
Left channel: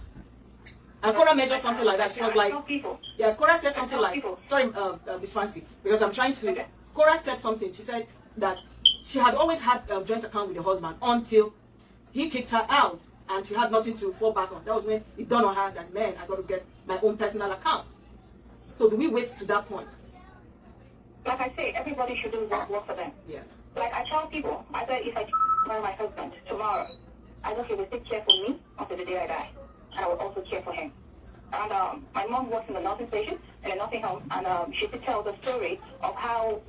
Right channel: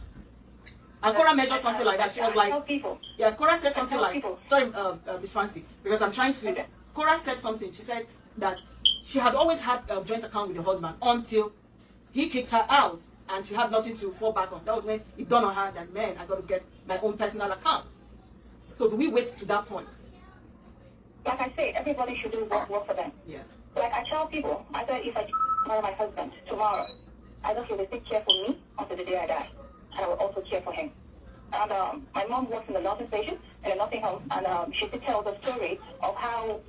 And Cora measured something like that. She was like, yeah, Cora said something like, sorry, Miss Fancy, because I'm trying to, Cora said something. She said that she had always had a joint account with her husband until he kicked her out and she had nothing to fall back on. That was when it dawned on her that, man, I got to get my own personal account. So do we wait to that point? Like I say, everybody should do what works for them. Yeah. Like I tell people, I say if I marry my husband tomorrow, I know he will take care for me until the day I die. And I will also care for him. And my mom works in the nursing station in a nursing home, and she could tell the story of how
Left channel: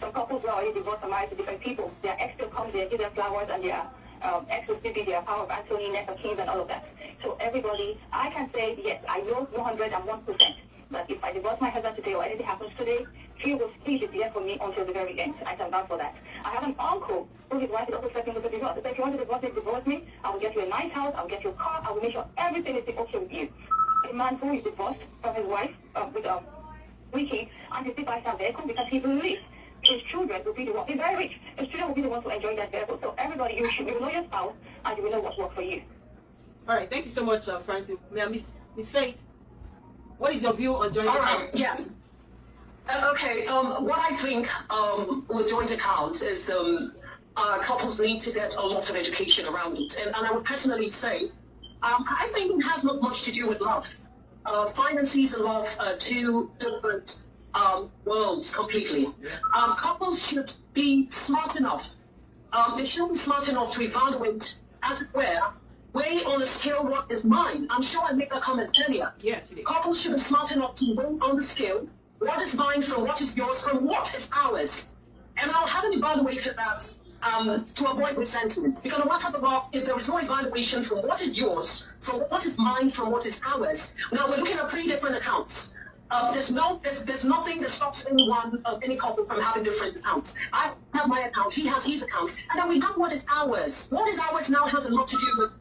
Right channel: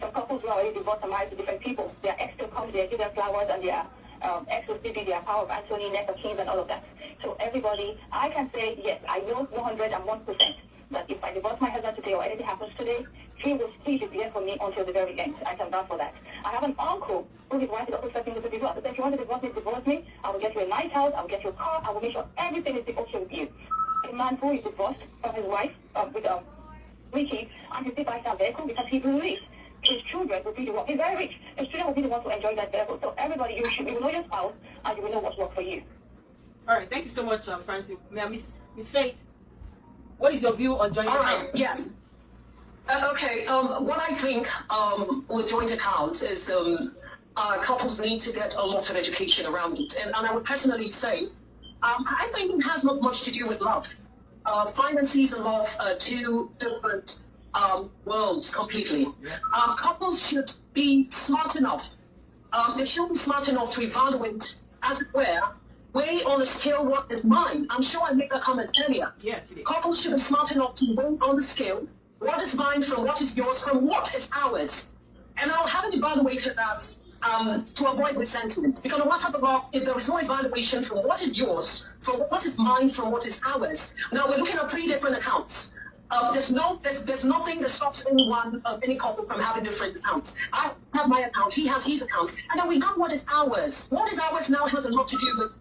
some couples were already divorced and married to different people. Their ex still comes there, give them flowers, and their ex will still be their power of Anthony, Nessa, Kings, and all of that. So everybody, I can say, yes, I know 101% that if I divorce my husband today or anything happens today, he will be there for me until the very end. I can vouch for that. I have an uncle who his wife is also expecting to divorce. If you want to divorce me, I will get you a nice house, I will get you a car, I will make sure everything is okay with you. A man who is divorced from his wife with Ricky, and he still buys that vehicle because he believes his children will be the one. He's very rich. His children will be the ones to enjoy that vehicle. So everybody, you know your spouse, and you will know what works for you. All right, thank you so much, Francie. Miss Faith, what is your view on joint accounts? Yes. Okay. What I think with joint accounts is couples need to get a lot of education around it, and I would personally say, I think it has not much to do with love. Finances and love are two different worlds completely. Couples should be smart enough. They should be smart enough to evaluate, as it were, weigh on a scale what is mine. I'm sure I made that comment earlier. Yes, you did. Couples should be smart enough to weigh on the scale what is mine from what is yours from what is ours. And I haven't evaluated that to avoid resentment. Because no matter what, if there is no evaluation from what is yours, from what is mine, from what is ours. Now we're looking at 3 different accounts. There's nothing that stops any couple from having different accounts. I have my account, he has his account, and then we have what is ours. What is ours now has a lot to do with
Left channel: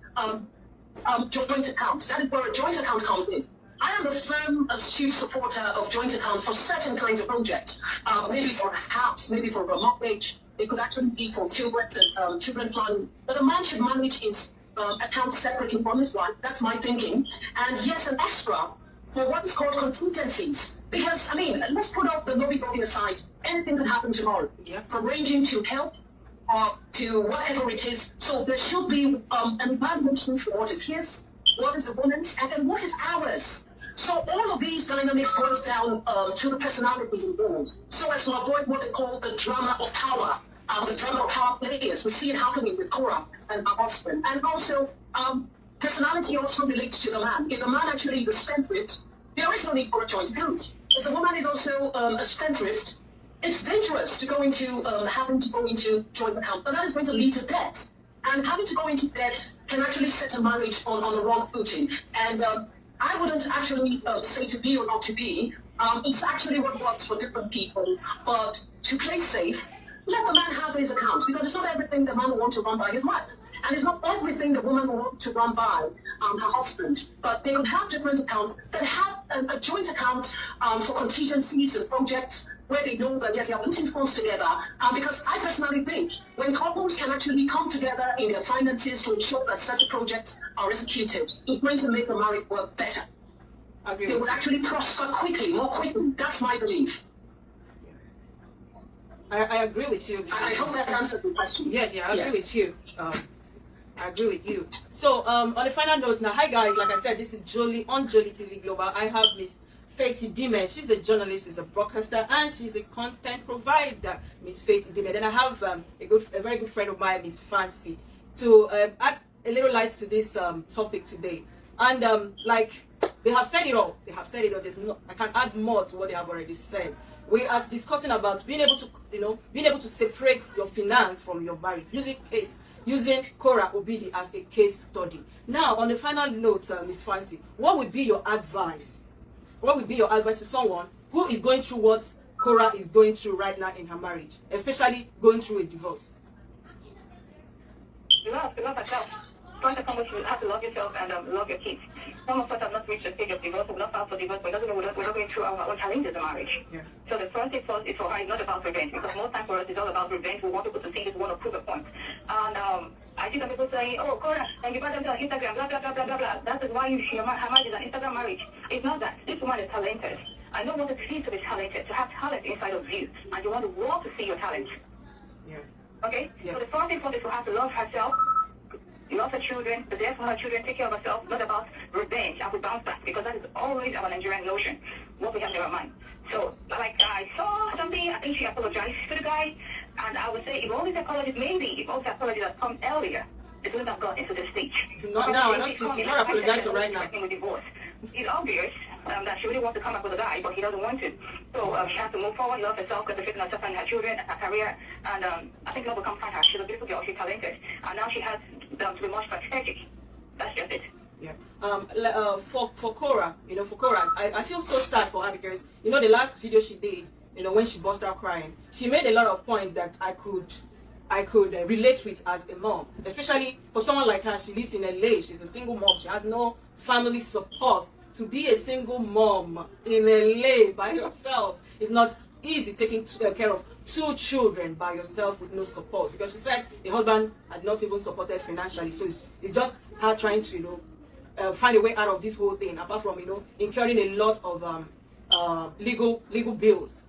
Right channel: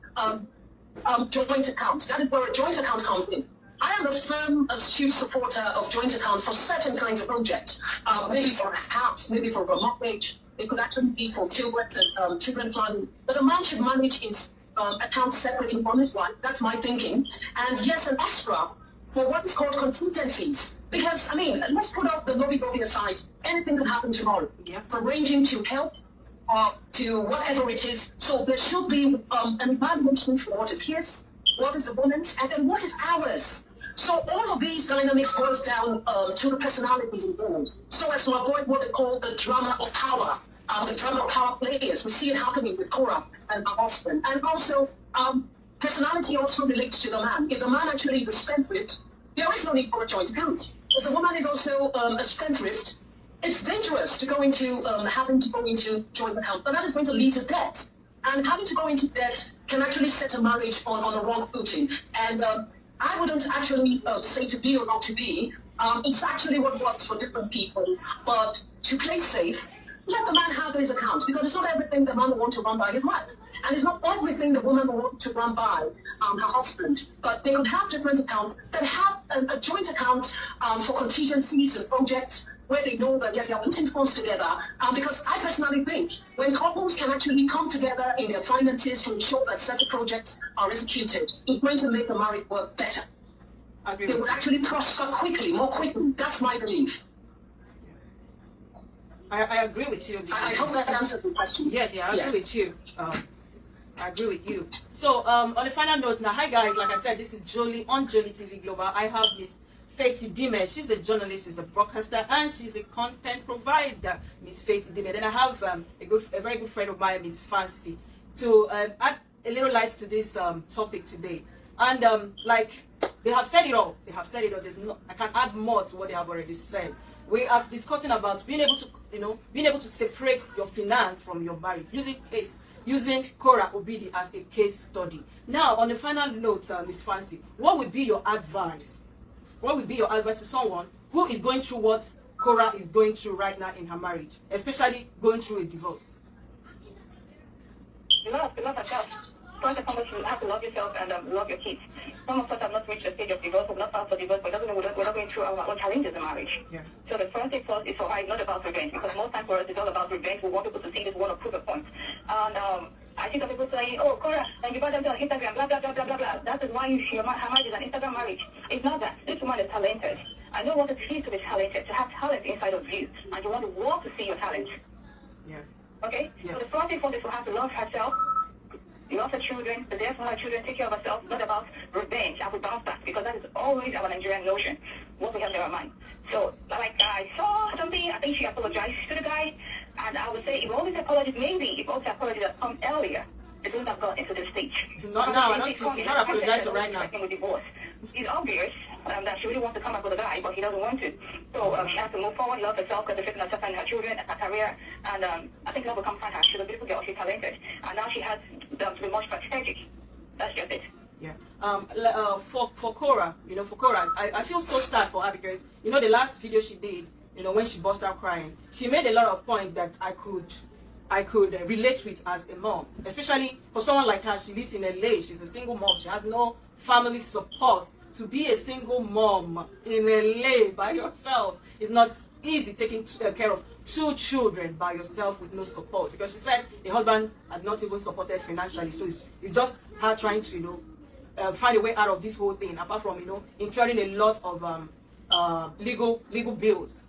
joint accounts. That is where a joint account comes in. I am a firm, astute supporter of joint accounts for certain kinds of projects. Maybe for a house, maybe for a mortgage. It could actually be for children and children planning. But a man should manage his account separately from his wife. That's my thinking. And yes, an extra for what is called contingencies. Because, I mean, let's put out the lovey-dovey aside. Anything can happen tomorrow. Yeah. From ranging to health to whatever it is. So there should be an evaluation for what is his, what is the woman's, and then what is ours. So all of these dynamics boils down to the personalities involved, so as to avoid what they call the drama of power, the drama of power players. We see it happening with Cora and her husband. And also, personality also relates to the man. If the man actually is a spendthrift, there is no need for a joint account. If the woman is also a spendthrift, it's dangerous to go into having to go into joint account, but that is going to lead to debt. And having to go into debt can actually set a marriage on a wrong footing. And I wouldn't actually say to be or not to be. It's actually what works for different people. But to play safe, let the man have his accounts, because it's not everything the man will want to run by his wife. And it's not everything the woman will want to run by her husband. But they could have different accounts, but have a joint account for contingencies and projects where they know that, yes, they are putting funds together. Because I personally think when couples can actually come together in their finances to ensure that certain projects are executed, it's going to make the marriage work better. They would actually prosper quickly, more quickly. That's my belief. I agree with you. I hope that answered the question. Yes, I agree with you. I agree with you. So, on the final note now, hi guys, like I said, this is Jolie on Jolie TV Global. I have Miss Faith Dime. She's a journalist, she's a broadcaster, and she's a content provider, Miss Faith Dime. Then I have a very good friend of mine, Miss Fancy, to add a little light to this topic today. And like they have said it all. They have said it all. I can add more to what they have already said. We are discussing about being able to separate your finance from your marriage, using Cora Obidi as a case study. Now, on the final note, Miss Fancy, what would be your advice? What would be your advice to someone who is going through what Cora is going through right now in her marriage, especially going through a divorce? Love yourself. First and foremost, you have to love yourself and love your kids. Some of us have not reached the stage of divorce, we're not filed for divorce, but doesn't mean we're not going through our own challenges in marriage. Yeah. So the first thing first is for her, it's not about revenge, because most times for us it's all about revenge. We want people to see this, we want to prove a point. And I see some people saying, oh, Cora, and you got them to Instagram, blah, blah, blah, blah, blah, blah. That is why her marriage is an Instagram marriage. It's not that. This woman is talented. I know what it feels to be talented, to have talent inside of you, and you want the world to see your talent. Yeah. Okay? Yeah. So the first thing first is for her to love herself, love her children, the death for her children, take care of herself, not about revenge. I will bounce back, because that is always our Nigerian notion, what we have in our mind. So, like, I saw something, I think she apologized to the guy, and I would say, if all these apologies, if all the apologies had come earlier, it wouldn't have got into this stage. Not now, she's not apologizing right now. With divorce. It's obvious that she really wants to come up with a guy, but he doesn't want to. So she has to move forward, love herself, concentrate on herself and her children and her career. And I think love will come find her. She's a beautiful girl, she's talented. And now she has to be much strategic. That's just it. Yeah. For Cora, I feel so sad for her, because the last video she did, when she burst out crying, she made a lot of points that I could relate with as a mom, especially for someone like her. She lives in LA. She's a single mom. She has no family support. To be a single mom in LA by yourself is not easy, taking care of 2 children by yourself with no support, because she said the husband had not even supported financially. So it's just her trying to find a way out of this whole thing, apart from incurring a lot of legal bills.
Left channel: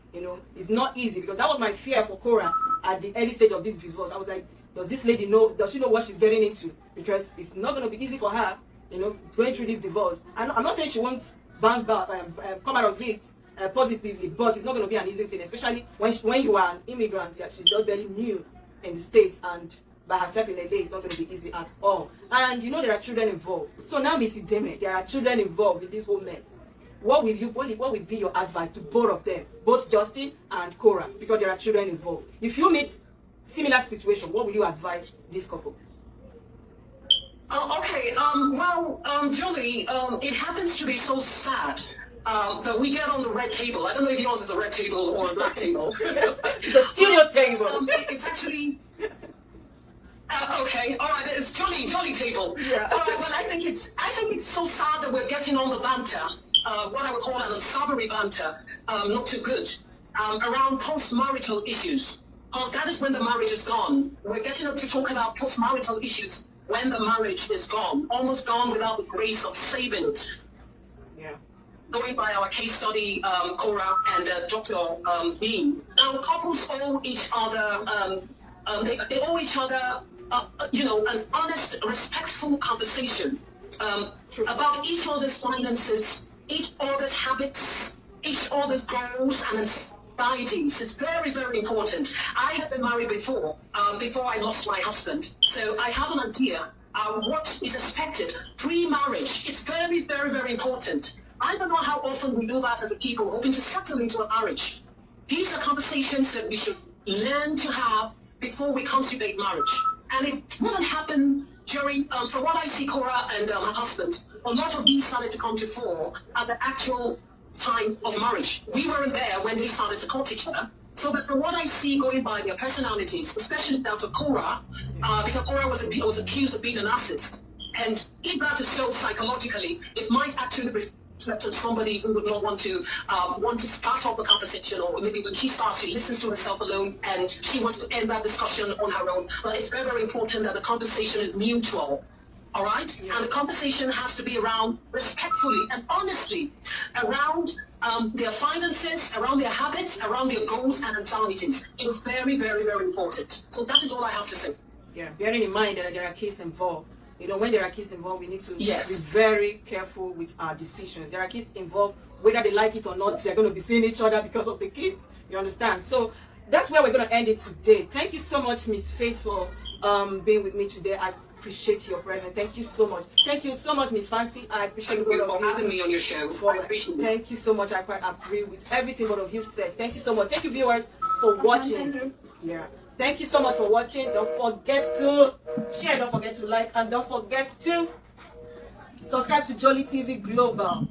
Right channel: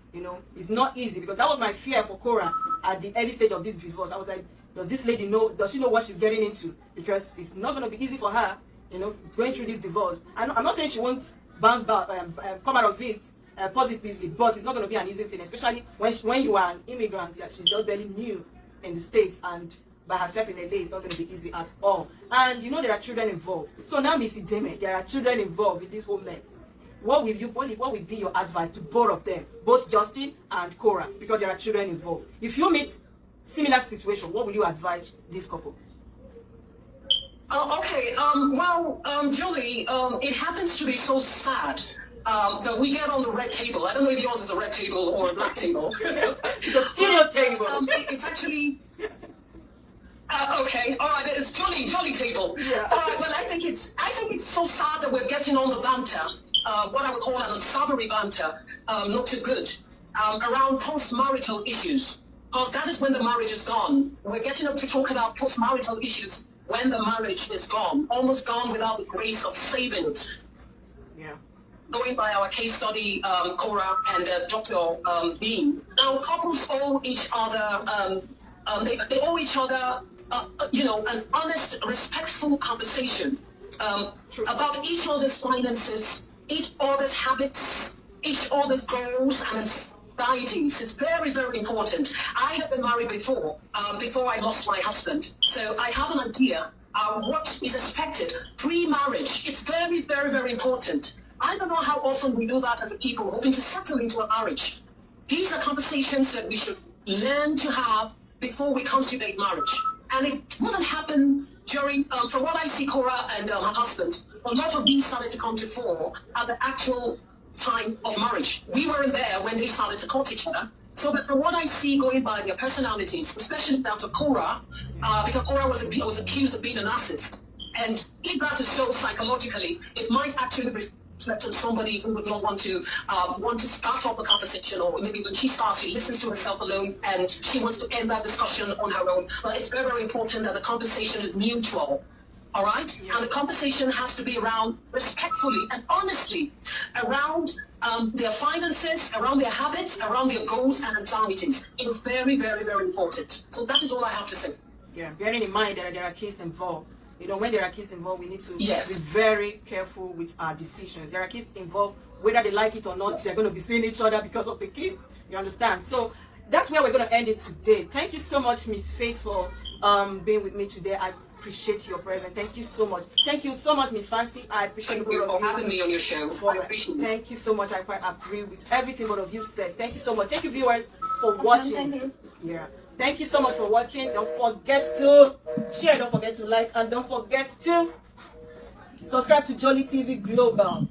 It's not easy, because that was my fear for Cora at the early stage of this divorce. I was like, does this lady know? Does she know what she's getting into? Because it's not going to be easy for her, going through this divorce. I'm not saying she won't bounce back come out of it positively, but it's not going to be an easy thing, especially when you are an immigrant. She's just very new in the States, and by herself in LA, it's not going to be easy at all. And there are children involved. So now, Missy Deme, there are children involved in this whole mess. What will be your advice to both of them, both Justin and Cora, because there are children involved? If you meet similar situation, what will you advise this couple? Okay. Julie, it happens to be so sad that we get on the red table. I don't know if yours is a red table or a black table. It's a studio table. It's actually. Okay, all right. It's jolly table. Yeah. All right. Well, I think it's so sad that we're getting on the banter. What I would call an unsavory banter, not too good, around post-marital issues, because that is when the marriage is gone. We're getting up to talk about post-marital issues when the marriage is gone, almost gone without the grace of saving it. Yeah. Going by our case study, Cora and Dr. Bean. Now, couples owe each other, they owe each other, an honest, respectful conversation about each other's finances, each other's habits, each other's goals and anxieties. It's very, very important. I have been married before I lost my husband. So I have an idea what is expected pre-marriage. It's very, very, very important. I don't know how often we do that as a people hoping to settle into a marriage. These are conversations that we should learn to have before we consummate marriage. And it wouldn't happen during, from what I see, Cora and her husband, a lot of these started to come to fore at the actual time of marriage. We weren't there when they started to court each other. So, but from what I see going by their personalities, especially down to Cora, because Cora was accused of being a narcissist. And if that is so psychologically, it might actually reflect on somebody who would not want to start up a conversation, or maybe when she starts, she listens to herself alone and she wants to end that discussion on her own. But it's very, very important that the conversation is mutual. All right? Yeah. And the conversation has to be around respectfully and honestly around their finances, around their habits, around their goals and anxieties. It is very, very, very important. So that is all I have to say. Yeah, bearing in mind that there are kids involved. You know, when there are kids involved, we need to yes. be very careful with our decisions. There are kids involved, whether they like it or not, yes. they're going to be seeing each other because of the kids. You understand? So that's where we're going to end it today. Thank you so much, Miss Faith, for being with me today. I appreciate your presence. Thank you so much. Thank you so much, Miss Fancy. I appreciate you for having me on your show. I appreciate it. Thank you so much. I quite agree with everything both of you said. Thank you so much. Thank you, viewers, for watching. Yeah. Thank you so much for watching. Don't forget to share, don't forget to like, and don't forget to subscribe to Jolly TV Global.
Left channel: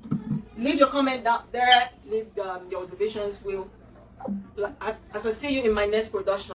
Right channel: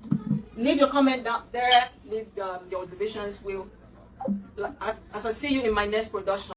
Leave your comment down there. Leave your observations. As I see you in my next production.